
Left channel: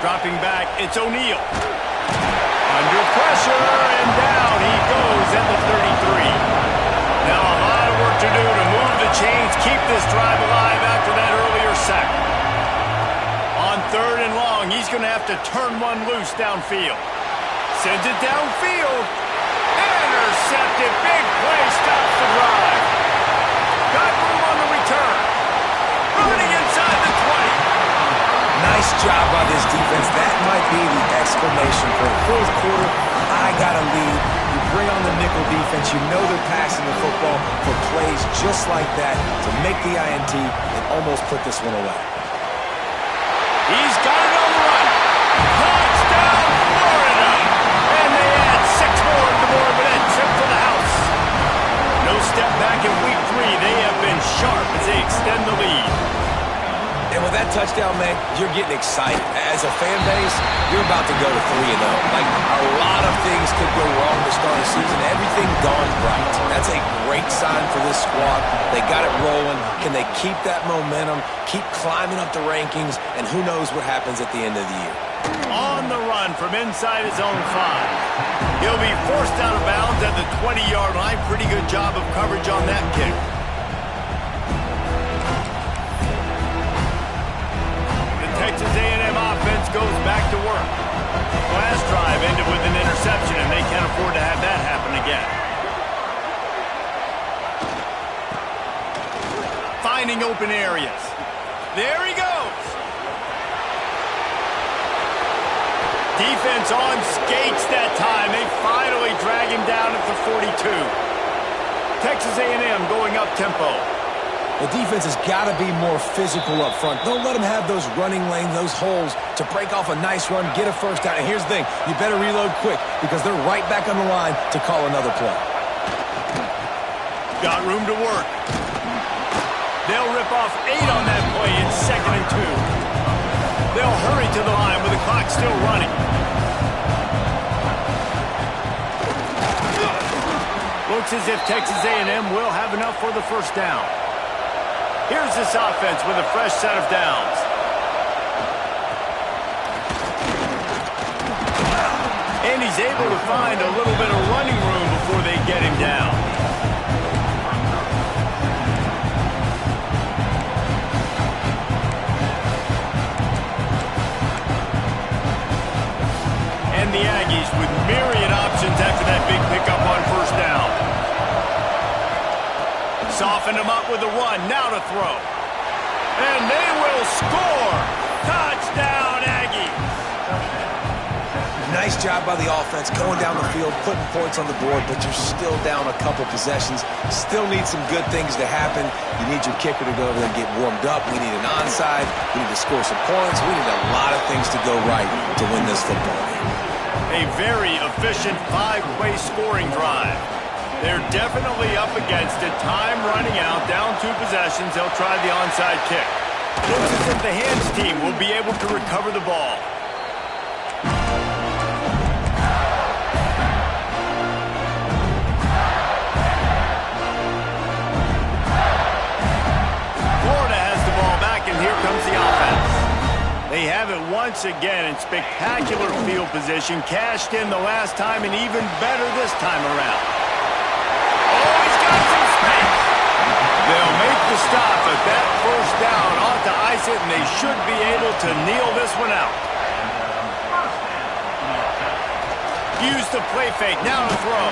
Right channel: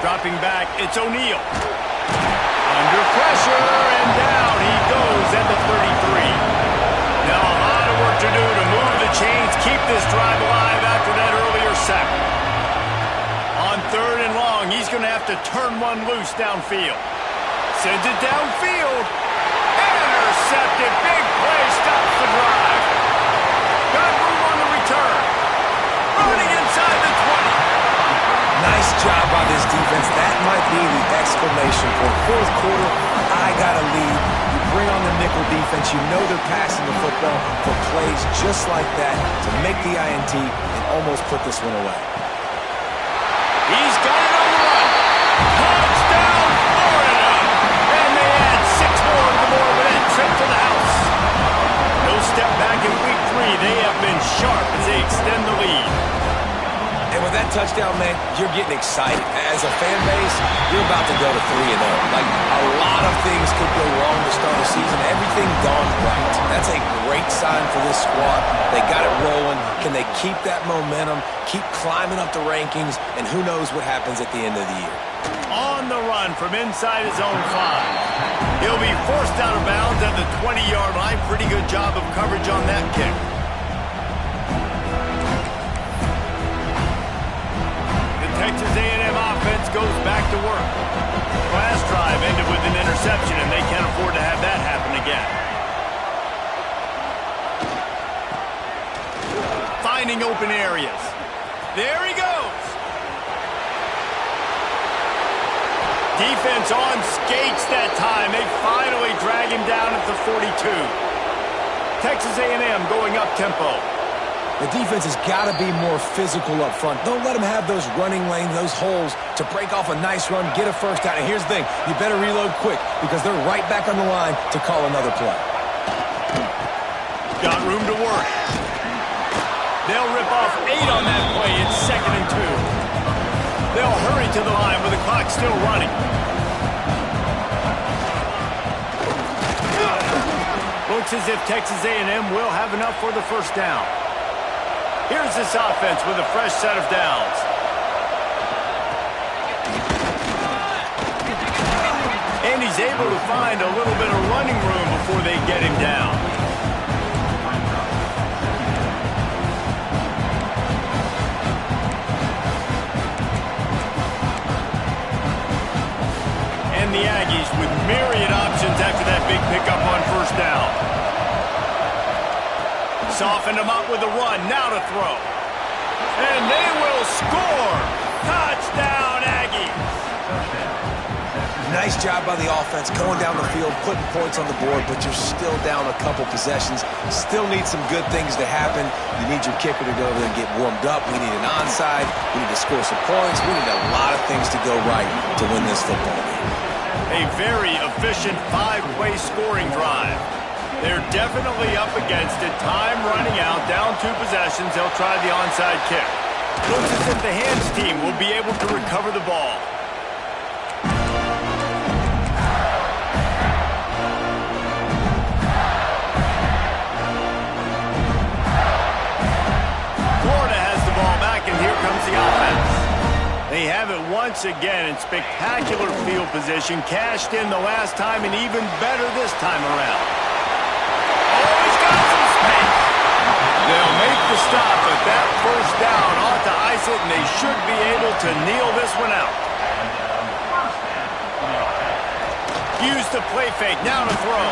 Dropping back, it's O'Neal. Under pressure, and down he goes at the 33. Now a lot of work to do to move the chains, keep this drive alive after that earlier sack. On third and long, he's going to have to turn one loose downfield. Sends it downfield. Intercepted. Big play, stops the drive. Got room on the return. Running inside the 20. Nice job by this defense. That might be the exclamation point. Fourth quarter, I got a lead. You bring on the nickel defense. You know they're passing the football for plays just like that to make the INT and almost put this one away. He's got it on the run. Touchdown, Florida. And they add 6 more to the board with that trip to the house. No step back in week 3. They have been sharp as they extend the lead. And with that touchdown, man, you're getting excited. As a fan base, you're about to go to 3-0. Like, a lot of things could go wrong to start a season. Everything gone right. That's a great sign for this squad. They got it rolling. Can they keep that momentum, keep climbing up the rankings, and who knows what happens at the end of the year. On the run from inside his own 5. He'll be forced out of bounds at the 20-yard line. Pretty good job of coverage on that kick. Texas A&M offense goes back to work. Last drive ended with an interception, and they can't afford to have that happen again. Finding open areas. There he goes. Defense on skates that time. They finally drag him down at the 42. Texas A&M going up tempo. The defense has got to be more physical up front. Don't let them have those running lanes, those holes to break off a nice run, get a first down. And here's the thing, you better reload quick because they're right back on the line to call another play. Got room to work. They'll rip off 8 on that play. It's 2nd and 2. They'll hurry to the line with the clock still running. Looks as if Texas A&M will have enough for the first down. Here's this offense with a fresh set of downs. And he's able to find a little bit of running room before they get him down. And the Aggies with myriad options after that big pickup on first down. Softened them up with a run, now to throw. And they will score! Touchdown, Aggies! Nice job by the offense going down the field, putting points on the board, but you're still down a couple possessions. Still need some good things to happen. You need your kicker to go over there and get warmed up. We need an onside. We need to score some points. We need a lot of things to go right to win this football game. A very efficient 5-play scoring drive. They're definitely up against it. Time running out, down 2 possessions. They'll try the onside kick. Looks as if the hands team will be able to recover the ball. Florida has the ball back, and here comes the offense. They have it once again in spectacular field position. Cashed in the last time and even better this time around. Oh, he's got some space. They'll make the stop, but that first down ought to ice it, and they should be able to kneel this one out. Use the play fake, now to throw.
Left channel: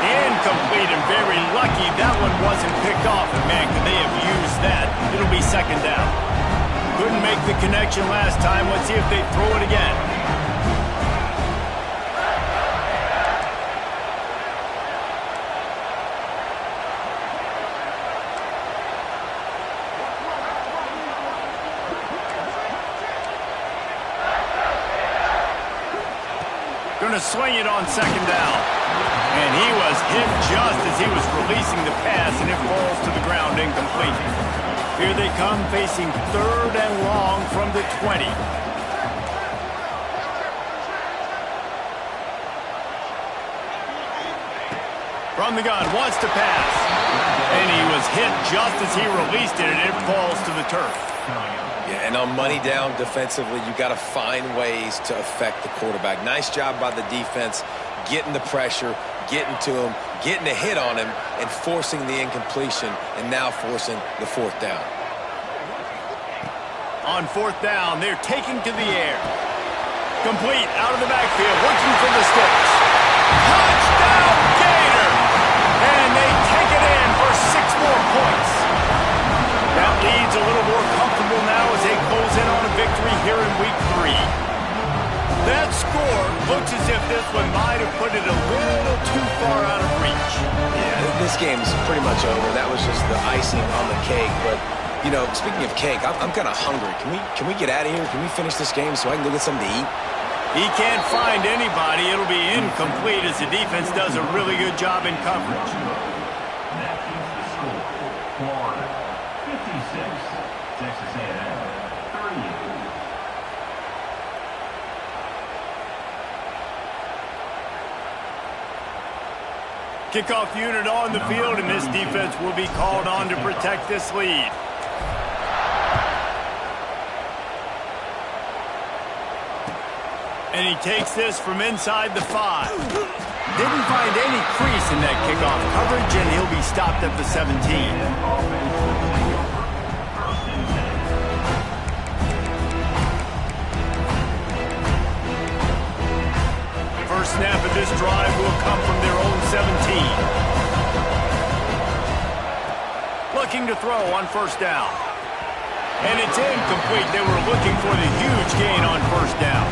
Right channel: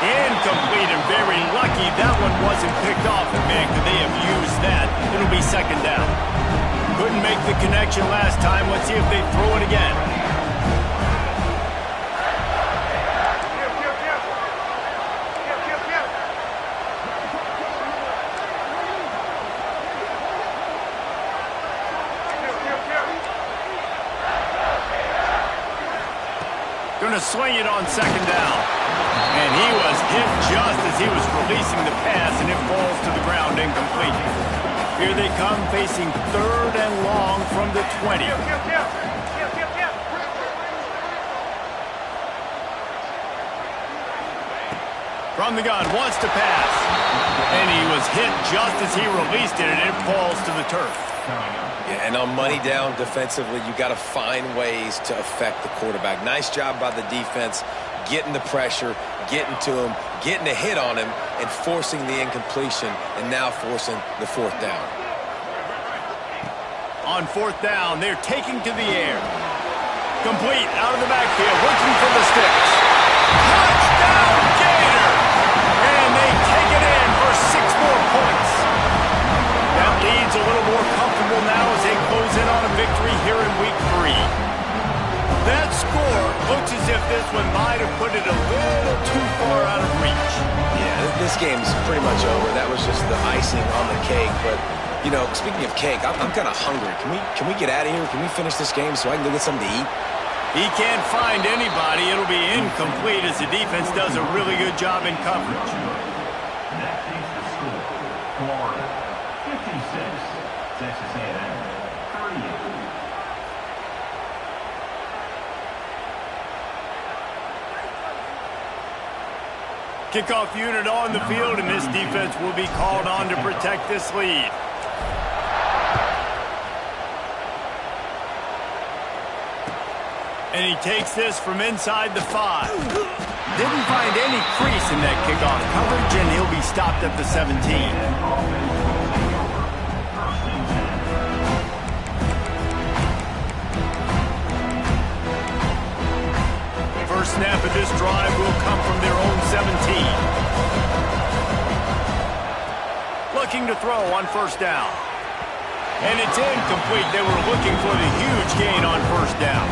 Incomplete and very lucky that one wasn't picked off. And man, could they have used that? It'll be 2nd down. Couldn't make the connection last time. Let's see if they throw it again. Gonna swing it on 2nd down. And he was hit just as he was releasing the pass, and it falls to the ground incomplete. Here they come, facing 3rd and long from the 20. From the gun, wants to pass. And he was hit just as he released it, and it falls to the turf. Yeah, and on money down defensively, you got to find ways to affect the quarterback. Nice job by the defense, getting the pressure, getting to him, getting a hit on him, and forcing the incompletion, and now forcing the 4th down. On 4th down, they're taking to the air. Complete, out of the backfield, looking for the sticks. Touchdown, Gator! And they take it in for 6 more points. That lead's a little more comfortable now as they close in on a victory here in Week 3. That score looks as if this one might have put it a little too far out of reach. Yeah, this game's pretty much over. That was just the icing on the cake. But, you know, speaking of cake, I'm kind of hungry. Can we get out of here? Can we finish this game so I can go get something to eat? He can't find anybody. It'll be incomplete as the defense does a really good job in coverage. That keeps the score. Florida 56, Texas A&M 38. Kickoff unit on the field, and this defense will be called on to protect this lead. And he takes this from inside the 5. Didn't find any crease in that kickoff coverage, and he'll be stopped at the 17. First snap of this drive will come from their own 17. Looking to throw on 1st down. And it's incomplete. They were looking for the huge gain on first down.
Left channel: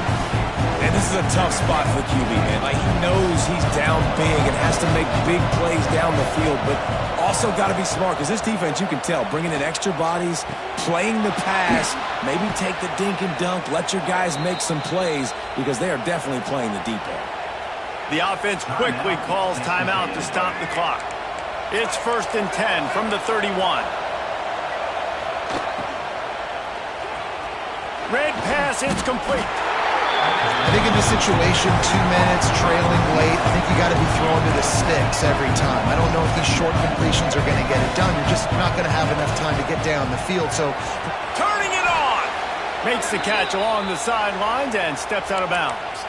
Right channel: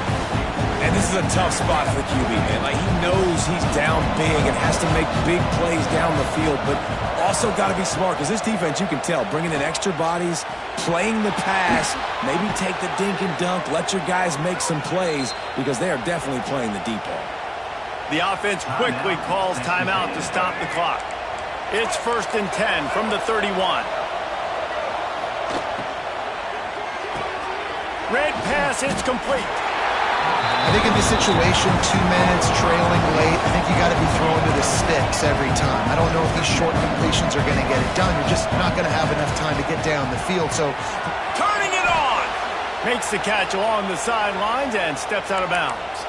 And this is a tough spot for the QB, man. Like, he knows he's down big and has to make big plays down the field, but also got to be smart because this defense, you can tell, bringing in extra bodies, playing the pass, maybe take the dink and dunk, let your guys make some plays because they are definitely playing the deep ball. The offense quickly calls timeout to stop the clock. It's 1st and 10 from the 31. Red pass, it's complete. I think in this situation, 2 minutes, trailing late, I think you got to be throwing to the sticks every time. I don't know if these short completions are going to get it done. You're just not going to have enough time to get down the field. So, turning it on. Makes the catch along the sidelines and steps out of bounds.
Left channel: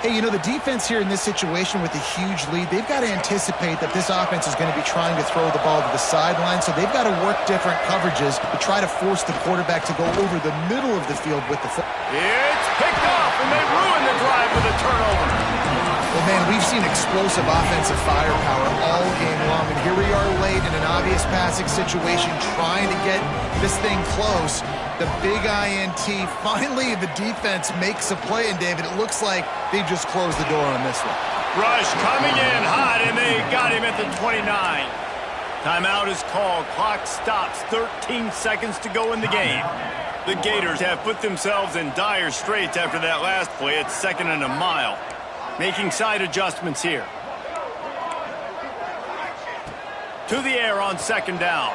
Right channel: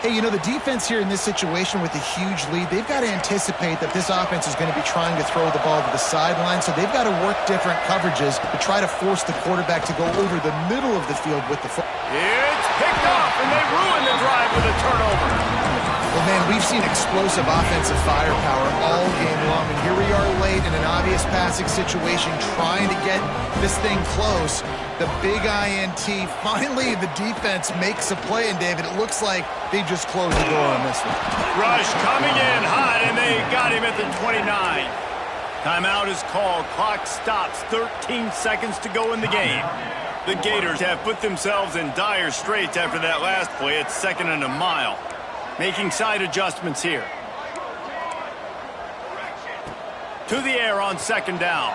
hey, you know, the defense here in this situation with a huge lead, they've got to anticipate that this offense is going to be trying to throw the ball to the sideline, so they've got to work different coverages to try to force the quarterback to go over the middle of the field with the football. It's picked off, and they ruin the drive with a turnover. Well, man, we've seen explosive offensive firepower all game long, and here we are late in an obvious passing situation trying to get this thing close. The big INT, finally the defense makes a play, and David, it looks like they just closed the door on this one. Rush coming in hot, and they got him at the 29. Timeout is called. Clock stops. 13 seconds to go in the game. The Gators have put themselves in dire straits after that last play. It's 2nd and a mile. Making side adjustments here. To the air on 2nd down.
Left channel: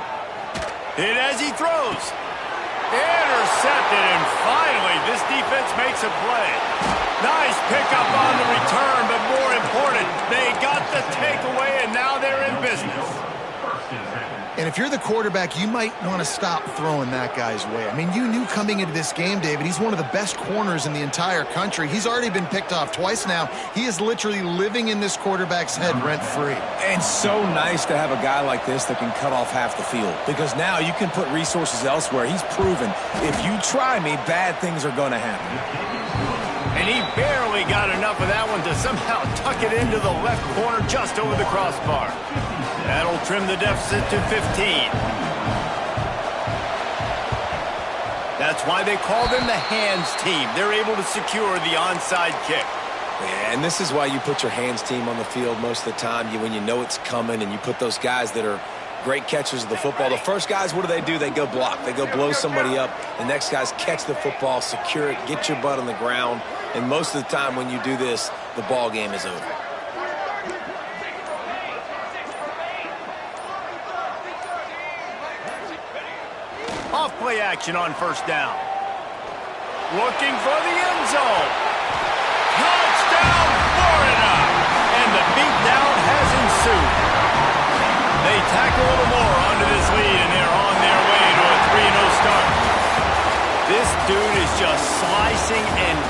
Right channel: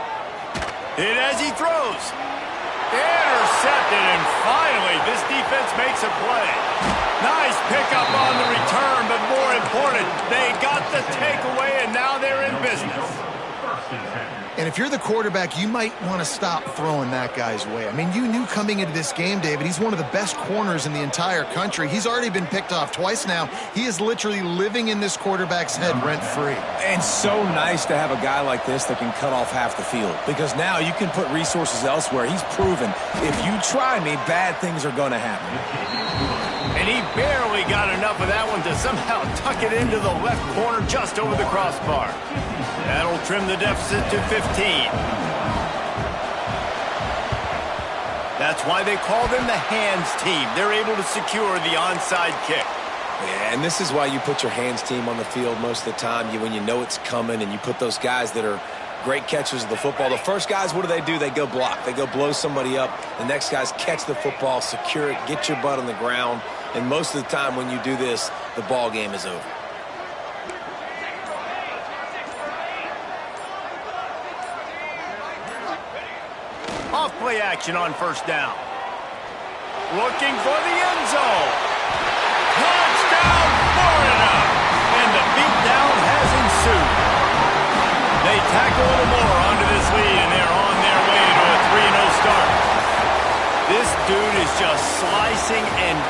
Hit as he throws. Intercepted, and finally this defense makes a play. Nice pickup on the return, but more important, they got the takeaway, and now they're in business. And if you're the quarterback, you might want to stop throwing that guy's way. I mean, you knew coming into this game, David, he's one of the best corners in the entire country. He's already been picked off twice now. He is literally living in this quarterback's head rent-free. And so nice to have a guy like this that can cut off half the field, because now you can put resources elsewhere. He's proven if you try me, bad things are going to happen. And he barely got enough of that one to somehow tuck it into the left corner just over the crossbar. That'll trim the deficit to 15. That's why they call them the hands team. They're able to secure the onside kick. Yeah, and this is why you put your hands team on the field most of the time. When you know it's coming, and you put those guys that are great catchers of the football. The first guys, what do? They go block. They go blow somebody up. The next guys catch the football, secure it, get your butt on the ground. And most of the time when you do this, the ball game is over. Off play action on 1st down. Looking for the end zone. Touchdown, Florida! And the beatdown has ensued. They tack a little more onto this lead, and they're on their way to a 3-0 start. This dude is just slicing and